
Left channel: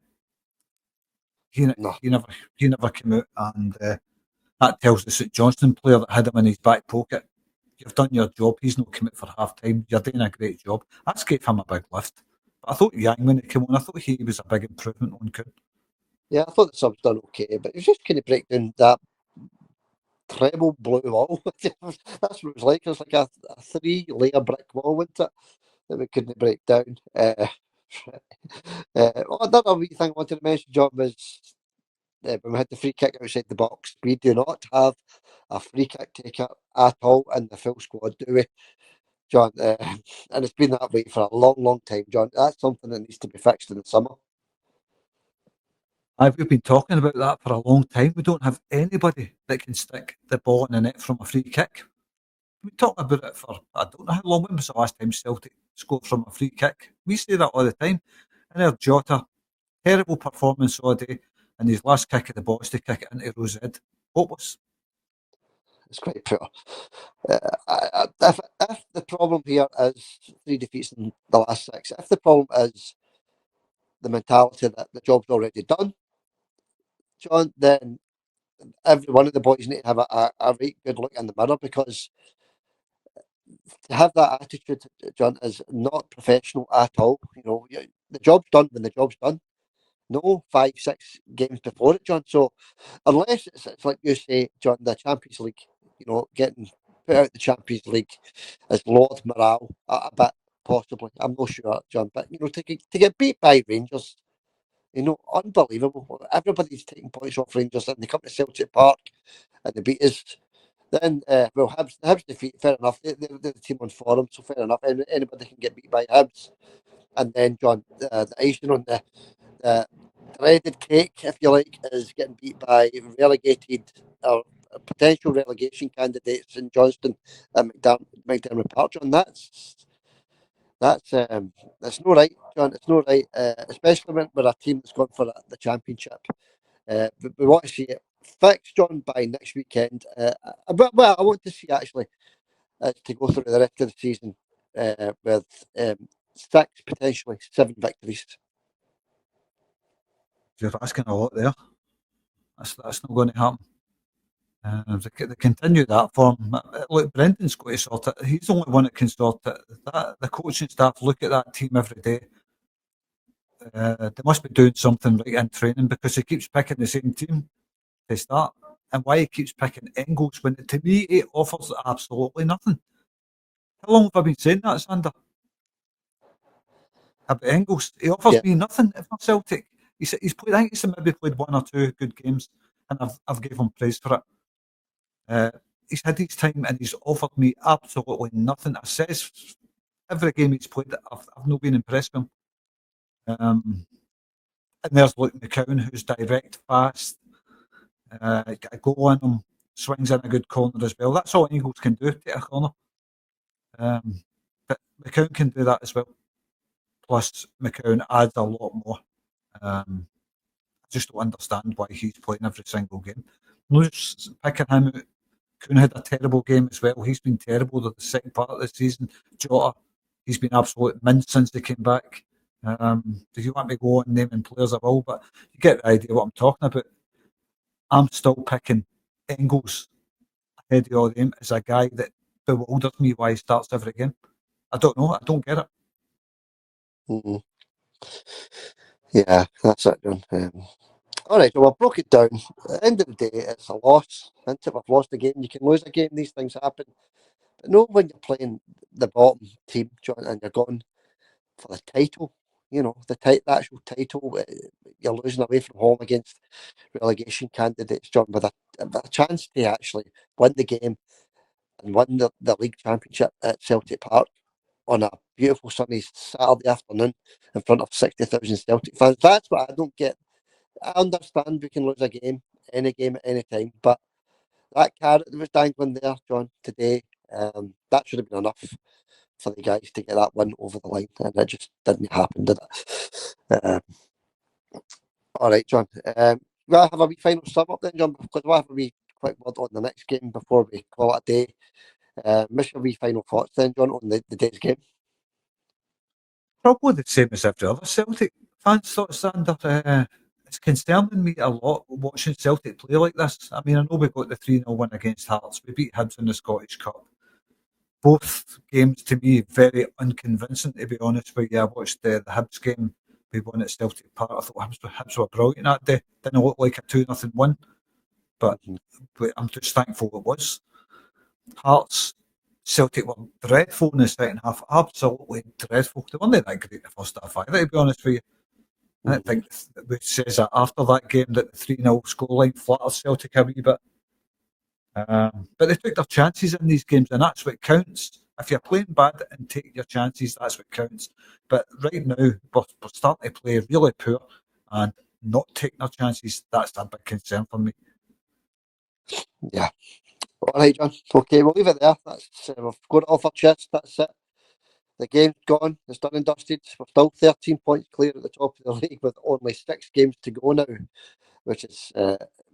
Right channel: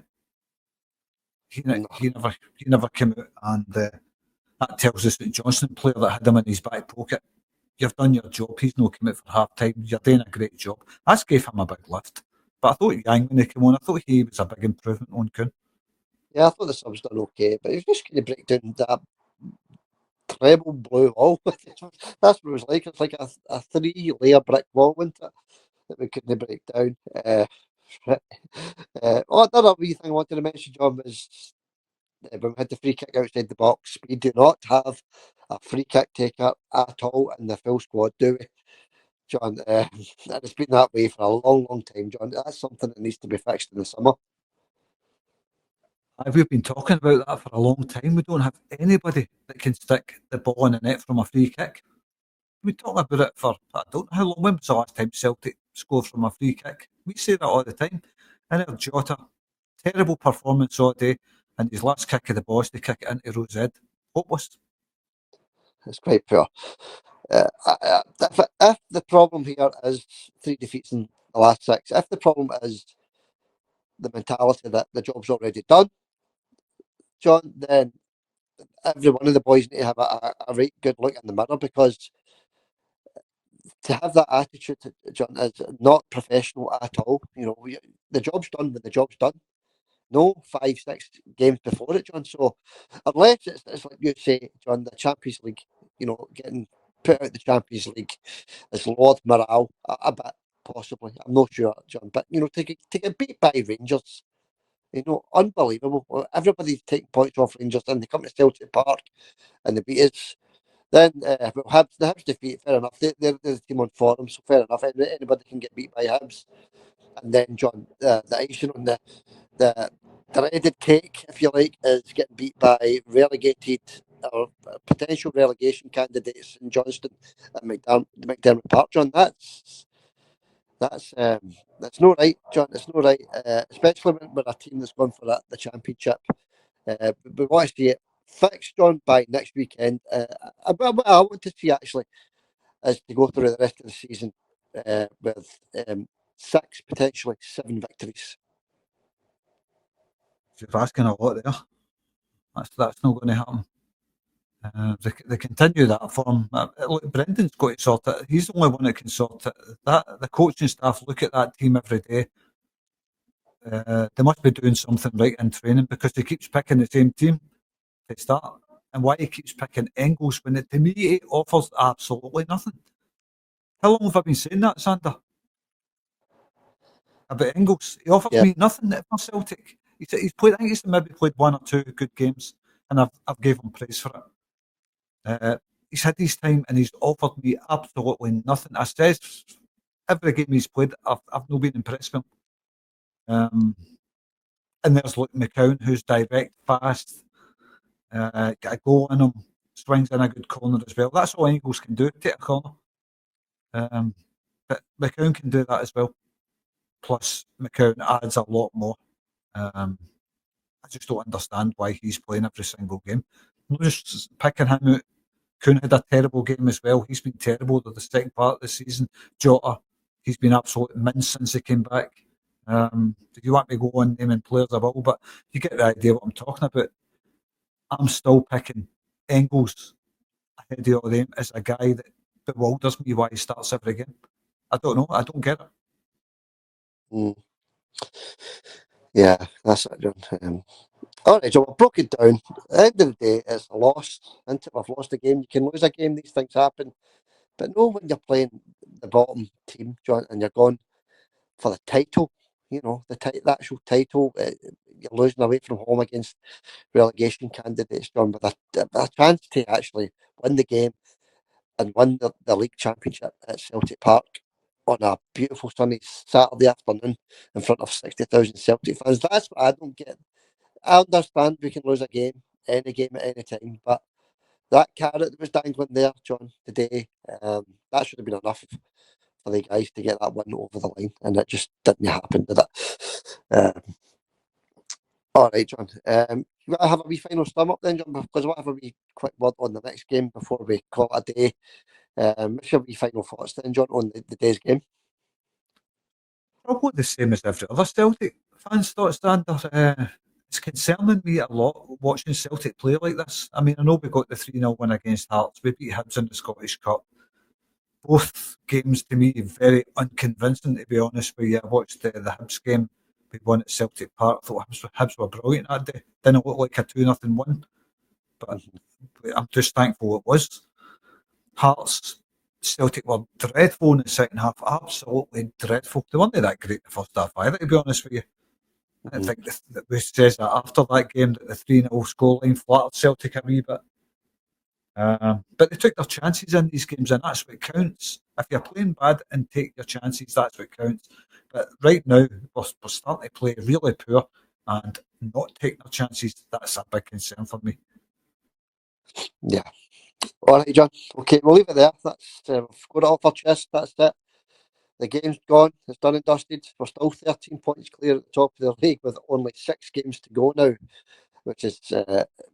he No. never came out, and that tells the St Johnstone player that had him in his back pocket, you've done your job. He's not come out for half time. You're doing a great job. That's gave him a big lift. But I thought Yang, when he came on, I thought he was a big improvement on Kühn. Yeah, I thought the sub's done okay, but it was just kind of break down that treble blue wall. That's what it was like. It was like a 3-layer brick wall, wasn't it? That we couldn't break down. Another wee thing I wanted to mention, John, was when we had the free kick outside the box. We do not have a free kick taker at all in the full squad, do we, John? And it's been that way for a long, long time, John. That's something that needs to be fixed in the summer. We've been talking about that for a long time. We don't have anybody that can stick the ball in the net from a free kick. We talked about it for, I don't know how long. When was the last time Celtic scored from a free kick? We say that all the time. And our Jota, terrible performance all day, and his last kick of the ball to kick it into Rosed. Hopeless. It's quite poor. If the problem here is 3 defeats in the last 6, if the problem is the mentality that the job's already done, John, then every one of the boys need to have a right good look in the mirror, because to have that attitude, John, is not professional at all. You know, the job's done when the job's done. No 5-6 games before it, John. So unless it's like you say, John, the Champions League, you know, getting put out the Champions League is Lord morale a bit, possibly. I'm not sure, John. But, you know, to get beat by Rangers, you know, unbelievable. Everybody's taking points off Rangers and they come to Celtic Park and they beat us. Then, the Hibs defeat, fair enough. They're the team on form, so fair enough. Anybody can get beat by Hibs. And then, John, the icing on the dreaded cake, if you like, is getting beat by relegated or potential relegation candidates in Johnston at McDermott Park, John. That's no right, John. It's no right, especially when we're a team that's gone for the championship. We want to see it fixed, John, by next weekend. But what I want to see actually is to go through the rest of the season with 6, potentially 7 victories. You're asking a lot there. That's not going to happen. They continue that form. Look, Brendan's got to sort it. He's the only one that can sort it. The coaching staff look at that team every day. They must be doing something right in training, because he keeps picking the same team to start. And why he keeps picking Engels when, to me, it offers absolutely nothing. How long have I been saying that, Sander? About Engels? He offers me nothing for Celtic. He's played. I think he's maybe played 1 or 2 good games, and I've gave him praise for it. He's had his time and he's offered me absolutely nothing. I says every game he's played, I've not been impressed with him. And there's McCown, who's direct, fast, got a goal in him, swings in a good corner as well. That's all Engels can do, take a corner. But McCown can do that as well. Plus, McCown adds a lot more. I just don't understand why he's playing every single game. I'm just picking him out. Kühn had a terrible game as well. He's been terrible the second part of the season. Jota, he's been absolute mince since he came back. If you want me to go on naming players, I will, but you get the idea what I'm talking about. I'm still picking Engels ahead of all them as a guy that bewilders me why he starts every game. I don't know. I don't get it. Yeah, that's it, John. All right, so I've broke it down. At the end of the day, it's a loss. Isn't it? We've lost a game. You can lose a game. These things happen. But no, when you're playing the bottom team, John, and you're going for the title, you know, the actual title, you're losing away from home against relegation candidates, John, with a chance to actually win the game and win the league championship at Celtic Park on a beautiful sunny Saturday afternoon in front of 60,000 Celtic fans. That's what I don't get. I understand we can lose a game at any time, but that carrot that was dangling there, John, today, that should have been enough for the guys to get that win over the line, and it just didn't happen, did it? All right, John. You want to have a wee final sum up then, John, because we'll have a wee quick word on the next game before we call it a day. What's your wee final thoughts then, John, on the day's game? Probably the same as every other Celtic fans thought, Sander. it's concerning me a lot watching Celtic play like this. I mean, I know we got the 3-0 win against Hearts. We beat Hibs in the Scottish Cup. Both games, to me, very unconvincing, to be honest with you. I watched the Hibs game. We won at Celtic Park. I thought Hibs were brilliant that day. Didn't look like a 2-0 win, but I'm just thankful it was. Hearts, Celtic were dreadful in the second half. Absolutely dreadful. They weren't that great in the first half either, to be honest with you. I think that we says that after that game that the 3-0 scoreline flattered Celtic a wee bit. But they took their chances in these games, and that's what counts. If you're playing bad and take your chances, that's what counts. But right now, we're starting to play really poor and not taking our chances. That's a big concern for me. Yeah. All right, John. Okay, we'll leave it there. That's we've got it off our chest. That's it. The game's gone. It's done and dusted. We're still 13 points clear at the top of the league with only 6 games to go now, which is,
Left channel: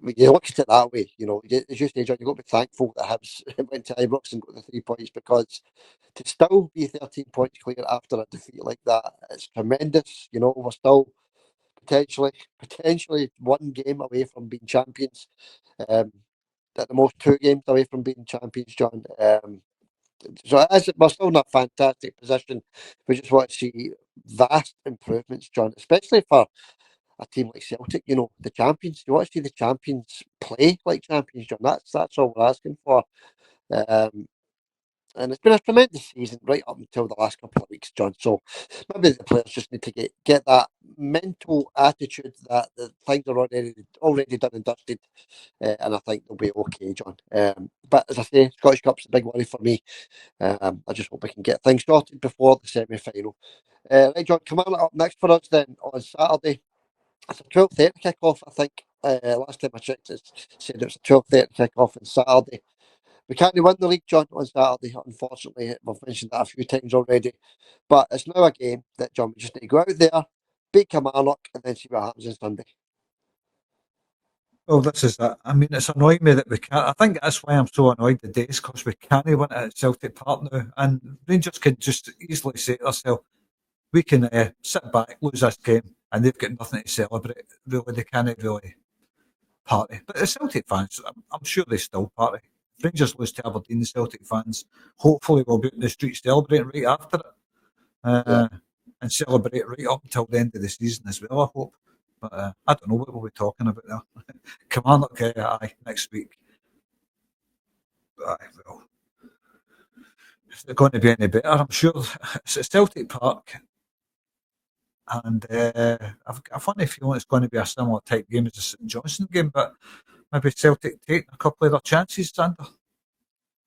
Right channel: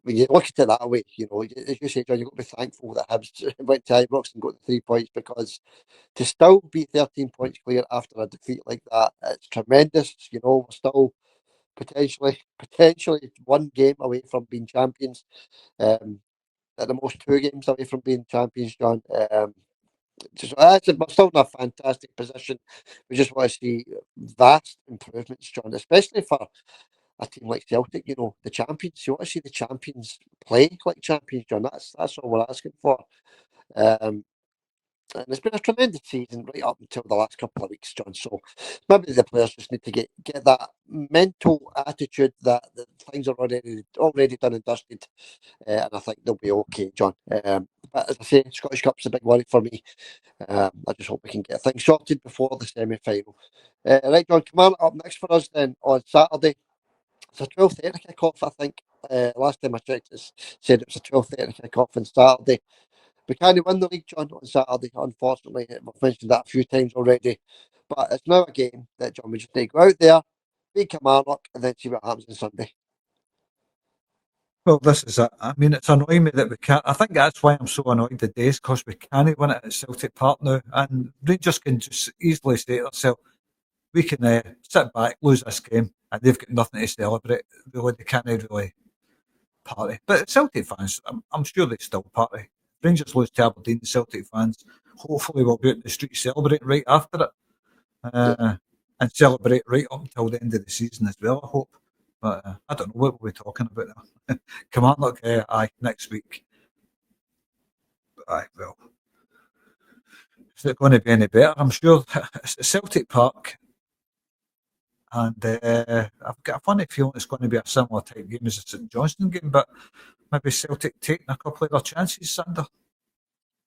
when you look at it that way, you know, as you say, John, you've got to be thankful that Hibs went to Ibrox and got the 3 points, because to still be 13 points clear after a defeat like that, it's tremendous. You know, we're still potentially one game away from being champions. At the most 2 games away from being champions, John. So we're still in a fantastic position. We just want to see vast improvements, John, especially for a team like Celtic. You know, the champions. You want to see the champions play like champions, John. That's all we're asking for. And it's been a tremendous season right up until the last couple of weeks, John. So maybe the players just need to get that mental attitude that things are already done and dusted, and I think they'll be okay, John. But as I say, Scottish Cup's a big worry for me. I just hope we can get things sorted before the semi-final. Right, John, come on up next for us then on Saturday. It's a 12:30 kick-off, I think. Last time I checked, it said it was a 12:30 kick-off on Saturday. We can't win the league, John, on Saturday, unfortunately. We've mentioned that a few times already. But it's now a game that, John, we just need to go out there, beat Kilmarnock, and then see what happens on Sunday. Well, this is it. I mean, it's annoying me that we can't. I think that's why I'm so annoyed today, is because we can't win it at Celtic Park now. And Rangers can just easily say to themselves, we can sit back, lose this game, and they've got nothing to celebrate. Really, they can't really party. But the Celtic fans, I'm sure they still party. Rangers lose to Aberdeen, the Celtic fans hopefully will be out in the street celebrating right after it. And celebrate right up until the end of the season as well, I hope. But I don't know what we'll be talking about there. Kilmarnock, next week. Well, is it going to be any better? I'm sure it's at Celtic Park. And I've got a funny feeling it's going to be a similar type game as the St Johnstone game, but maybe Celtic taking a couple of their chances, Sander.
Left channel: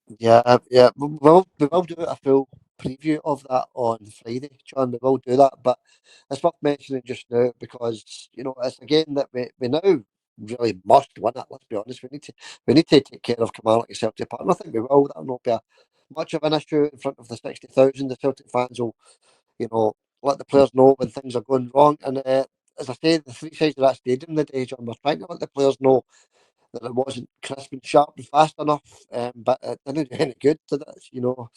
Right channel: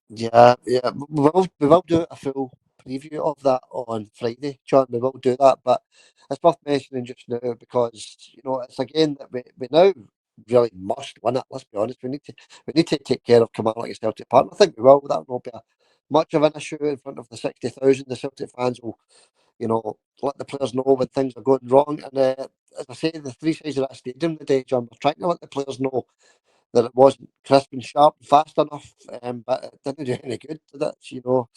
Yeah. We will do a full preview of that on Friday, John. We will do that, but it's worth mentioning just now because, you know, it's a game that we now really must win it. Let's be honest. We need to take care of Kilmarnock at Celtic Park, and I think we will. That will not be much of an issue in front of the 60,000. The Celtic fans will, you know, let the players know when things are going wrong. And as I say, the 3 sides of that stadium today, John, we're trying to let the players know that it wasn't crisp and sharp and fast enough, but it didn't do any good, did it? You know.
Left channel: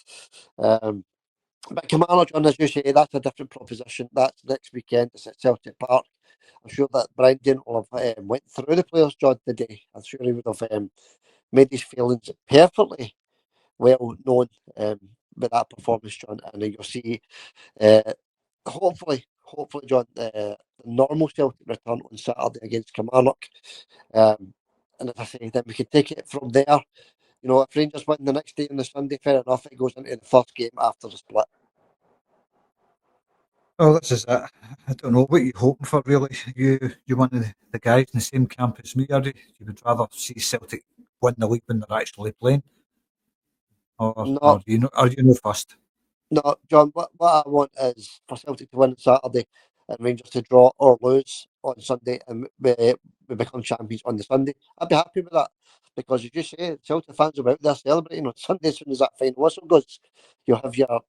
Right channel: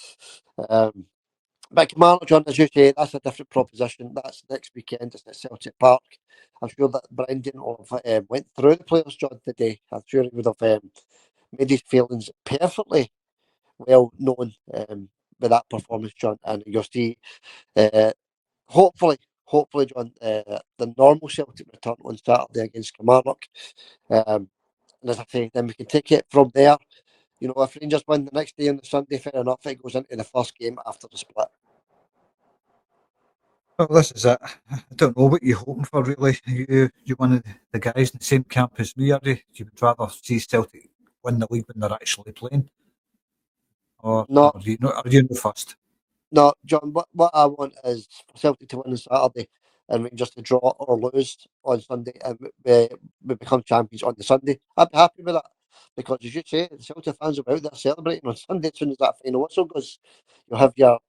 But Kilmarnock, John, as you say, that's a different proposition. That's next weekend. It's at Celtic Park. I'm sure that Brendan will have went through the players, John, today. I'm sure he would have made his feelings perfectly well known with that performance, John. And you'll see, hopefully, John, the normal Celtic return on Saturday against Kilmarnock. And as I say, then we can take it from there. You know, if Rangers win the next day on the Sunday, fair enough, it goes into the first game after the split. Well, this is it. I don't know what you're hoping for, really. You one of the guys in the same camp as me, are you? You would rather see Celtic win the league when they're actually playing, or No, are you no first? No, John, what I want is for Celtic to win on Saturday and Rangers to draw or lose on Sunday, and we become champions on the Sunday. I'd be happy with that because, as you say, the Celtic fans will be out there celebrating on Sunday as soon as that final whistle goes. You'll have your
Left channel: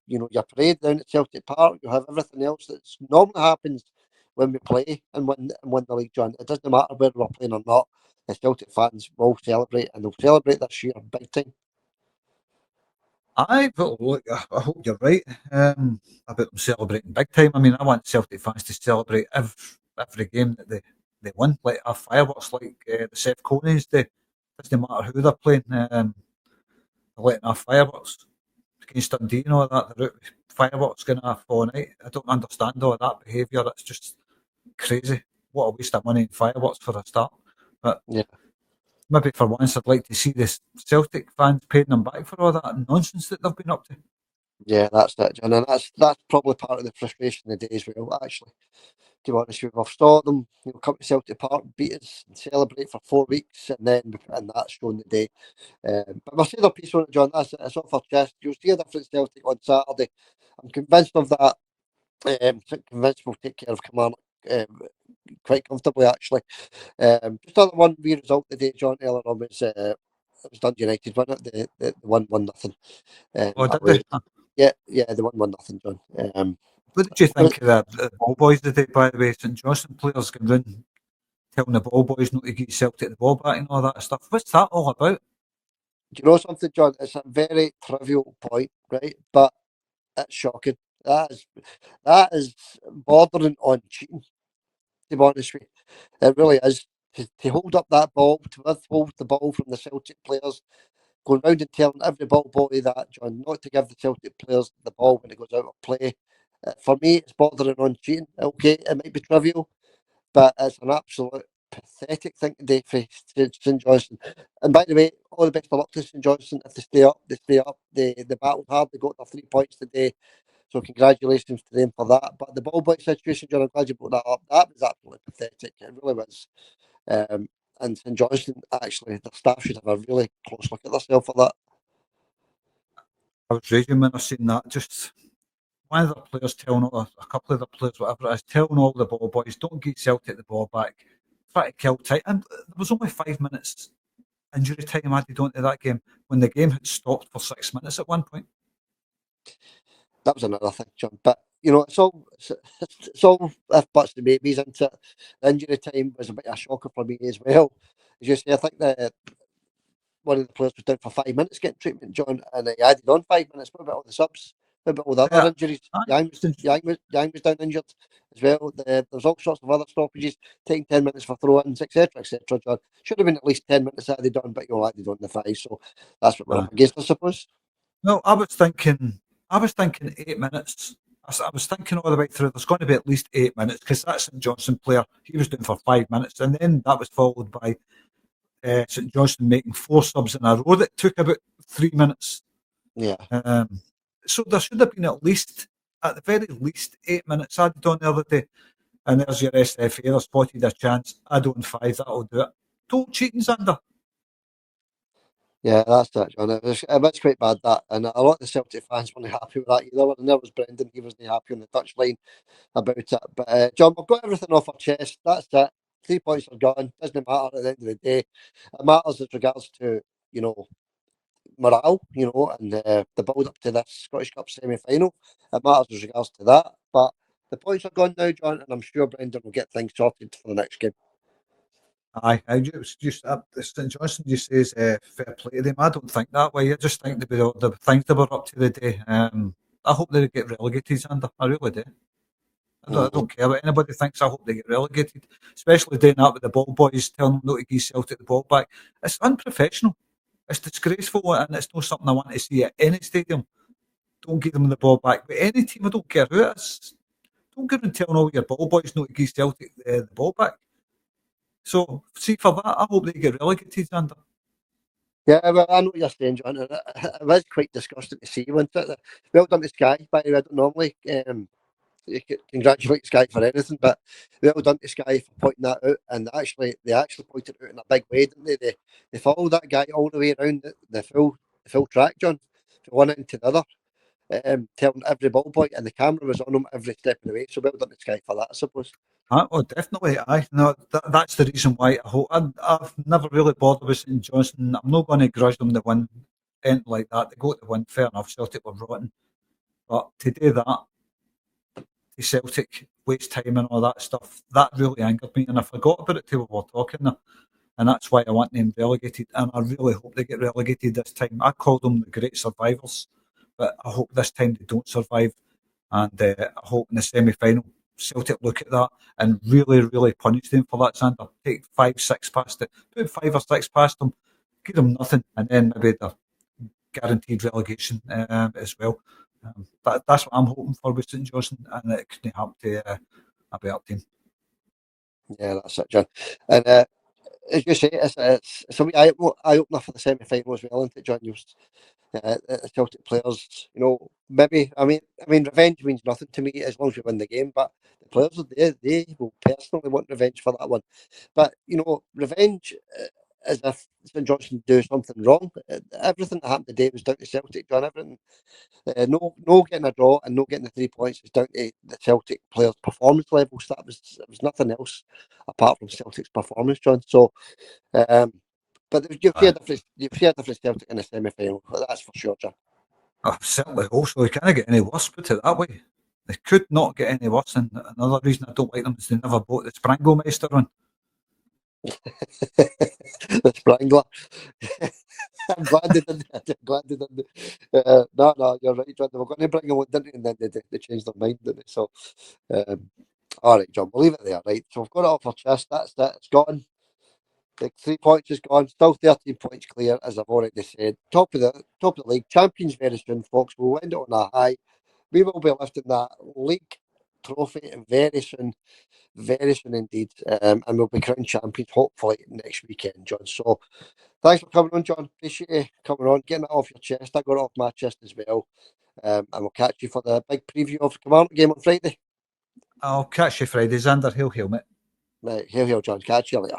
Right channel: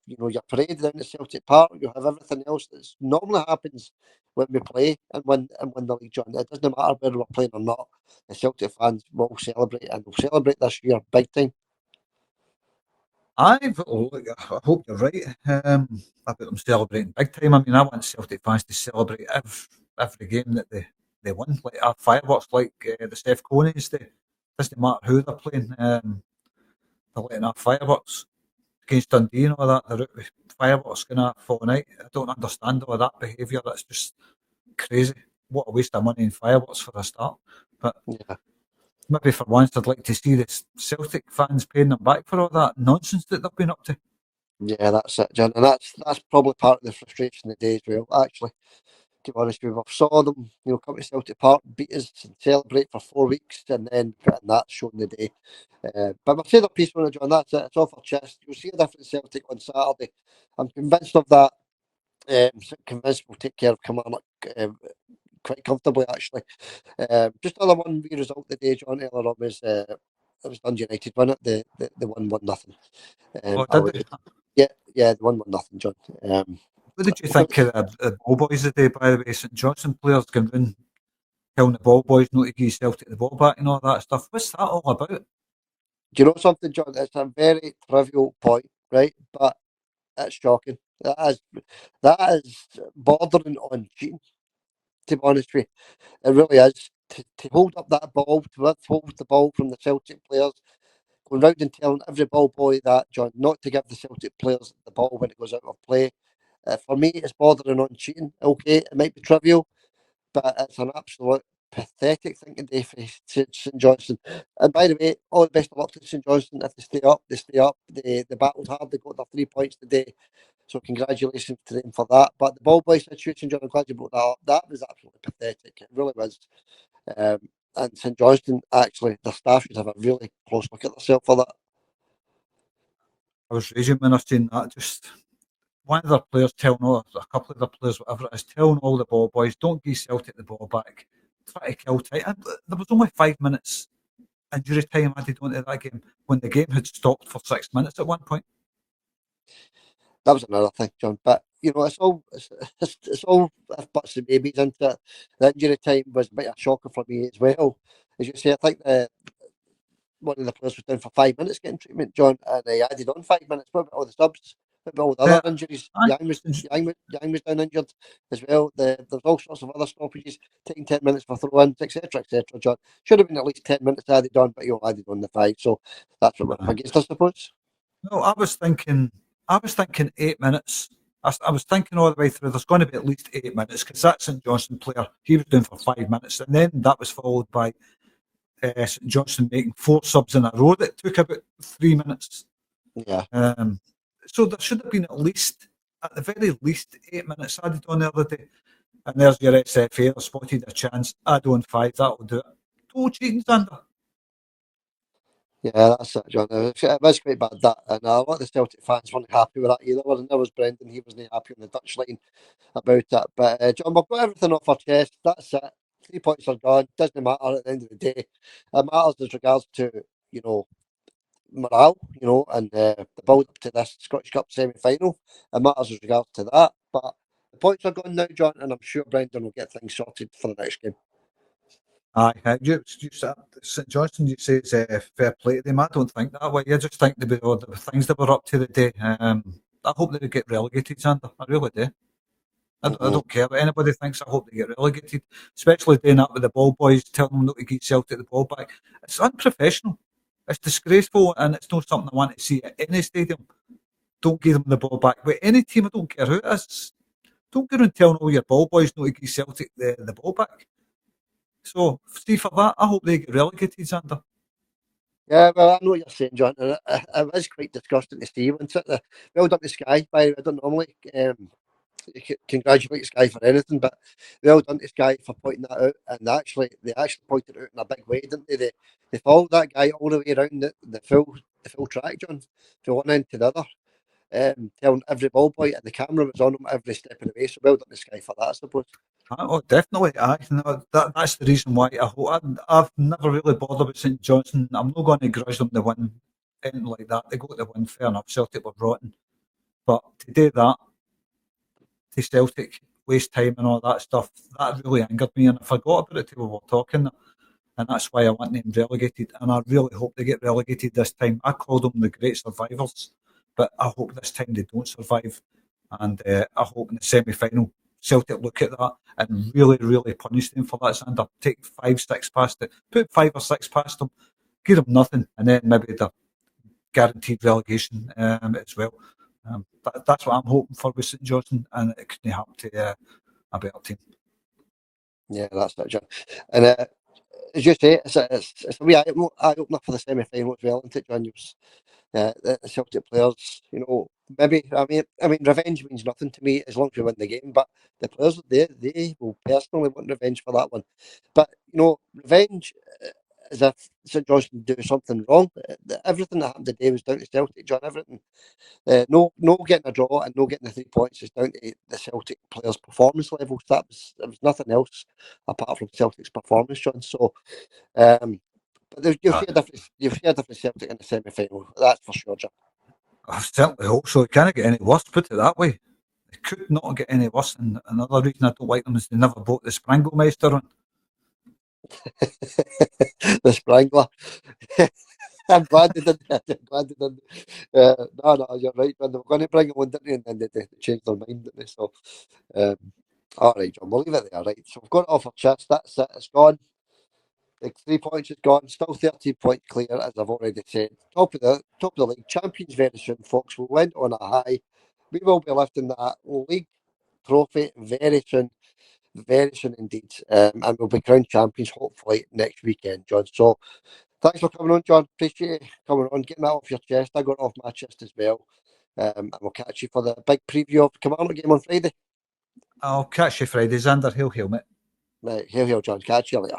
parade down at Celtic Park. You'll have everything else that normally happens when we play and win the league, John. It doesn't matter whether we're playing or not. The Celtic fans will celebrate, and they'll celebrate this year big time. Look, I hope you're right about them celebrating big time. I mean, I want Celtic fans to celebrate every game that they win. Like our fireworks, like the Seth Coney's, doesn't matter who they're playing. They're letting our fireworks against Dundee and all that. They're out with fireworks going off all night. I don't understand all of that behaviour. That's just crazy. What a waste of money in fireworks for a start. But yeah, maybe for once I'd like to see the Celtic fans paying them back for all that nonsense that they've been up to. yeah, that's it, John, and that's probably part of the frustration of the day as well. Actually, to be honest with you, we saw them, come to Celtic Park, beat us, and celebrate for 4 weeks, and then we put in that show in the day. But we'll say their piece on it, John. That's it. It's off our chest. You'll see a different Celtic on Saturday. I'm convinced of that. Convinced we'll take care of Kilmarnock quite comfortably, actually. Just another one wee result today, John, earlier on was it was Dundee United, wasn't it? The 1-1-0. Did they? Yeah, the 1-1-0, John. What did you think of the ball boys today, by the way? St Johnstone players going round telling the ball boys not to give Celtic the ball back and all that stuff. What's that all about? Do you know something, John? It's a very trivial point, right? But it's shocking. That is bordering on cheating, to be honest with you. It really is. To hold up that ball, to withhold the ball from the Celtic players, going round and telling every ball boy that, John, not to give the Celtic players the ball when it goes out of play. For me, it's bordering on cheating. Okay, it might be trivial, but it's an absolute pathetic thing to do for St Johnstone. And by the way, all the best of luck to St Johnstone. If they stay up, they stay up. They battled hard. They got their 3 points today. So congratulations to them for that. But the ball boy situation, John, I'm glad you brought that up. That was absolutely pathetic. It really was. And St Johnstone, actually, their staff should have a really close look at themselves for that. I was raging when I seen that. Just one of their players telling a couple of their players, whatever it is, telling all the ball boys, don't give Celtic the ball back. Try to kill time. And there was only 5 minutes injury time added onto that game when the game had stopped for 6 minutes at one point. That was another thing, John. But it's all if buts and maybes into it. The injury time was a bit of a shocker for me as well. As you say, I think one of the players was down for 5 minutes getting treatment, John, and he added on 5 minutes. What about all the subs? What about all the other injuries? Yang was down injured as well. There's all sorts of other stoppages, taking 10 minutes for throw-ins, etc., John. Should have been at least 10 minutes added on, but you added on the 5, so that's what we're up against, I suppose. No, I was thinking 8 minutes. I was thinking all the way through, there's going to be at least 8 minutes, because that St Johnstone player, he was doing for 5 minutes, and then that was followed by St Johnstone making 4 subs in a row that took about 3 minutes. Yeah. So there should have been at the very least 8 minutes added on the other day. And there's your SFA, they spotted a chance, add on 5, that'll do it. Total cheating, Xander. Yeah, that's it, John. It was quite bad, that. And a lot of the Celtic fans weren't happy with that either. And there was Brendan, he wasn't happy on the touchline about it. But, John, we've got everything off our chest. That's it. 3 points are gone. Doesn't matter at the end of the day. It matters as regards to, morale, and the build up to this Scottish Cup semi-final. It matters as regards to that. But the points are gone now, John, and I'm sure Brendan will get things sorted for the next game. Aye, St Johnstone, you say is fair play to them. I don't think that way. I just think the things they were up to the day. I hope they get relegated, Xander. I really do. I don't care what anybody thinks. I hope they get relegated, especially doing that with the ball boys, telling them not to give Celtic the ball back. It's unprofessional. It's disgraceful, and it's not something I want to see at any stadium. Don't give them the ball back. With any team, I don't care who it is. Don't go around telling all your ball boys not to give Celtic the ball back. So, see, for that, I hope they get relegated, Xander. Yeah, well, I know what you're saying, John. And it was quite disgusting to see, wasn't it? Well done to Sky, by the way. I don't normally congratulate Sky for anything, but well done to Sky for pointing that out. And they actually pointed it out in a big way, didn't they? They followed that guy all the way around the full track, John, from one end to the other, telling every ball boy, and the camera was on him every step of the way. So well done to Sky for that, I suppose. Oh, definitely. Aye, no, that's the reason why I've never really bothered with St Johnstone. I'm not going to grudge them the win, anything like that. They got the win, fair enough. Celtic were rotten, but to do that to Celtic, waste time and all that stuff, that really angered me, and I forgot about it till we were talking there. And that's why I want them relegated, and I really hope they get relegated this time. I called them the great survivors, but I hope this time they don't survive, and I hope in the semi-final Celtic look at that and really, really punish them for that, Xander. Take 5-6 past it. Put 5 or 6 past them. Give them nothing. And then maybe the guaranteed relegation as well. That's what I'm hoping for with St Johnstone, and it couldn't happen to a better team. Yeah, that's it, John. And as you say, it's a wee eye-opener for the semi-final as well, isn't it, John? The Celtic players, maybe, I mean, revenge means nothing to me as long as we win the game, but the players, they will personally want revenge for that one. But, revenge, as if St Johnstone do something wrong. Everything that happened today was down to Celtic, John, everything. No getting a draw and no getting the 3 points is down to the Celtic players' performance levels. It was nothing else apart from Celtic's performance, John. So, but you'll see a different Celtic in the semi-final. That's for sure, John. I certainly hope so. It can't get any worse, put it that way. They could not get any worse, and another reason I don't like them is they never bought the Sprangelmeister on. The Sprangler. I'm glad they didn't. No, you're right, John. They were going to bring him on, didn't they? And then they changed their mind, didn't they? So, all right, John, we'll leave it there, right? So we've got it off our chest. That's it. It's gone. The 3 points is gone. Still 13 points clear, as I've already said. Top of the league. Champions very soon, folks. We'll end it on a high. We will be lifting that league trophy very soon indeed. And we'll be crowned champions hopefully next weekend, John. So thanks for coming on, John. Appreciate you coming on, getting that off your chest. I got it off my chest as well. And we'll catch you for the big preview of the Kilmarnock game on Friday. I'll catch you Friday, Xander. Hail, mate. Right, hail, John. Catch you later.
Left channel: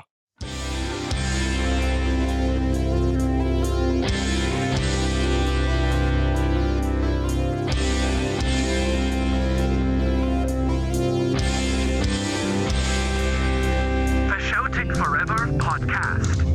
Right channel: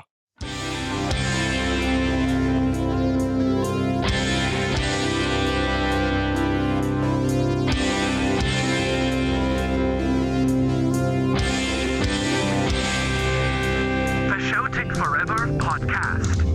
The Shouting Forever podcast.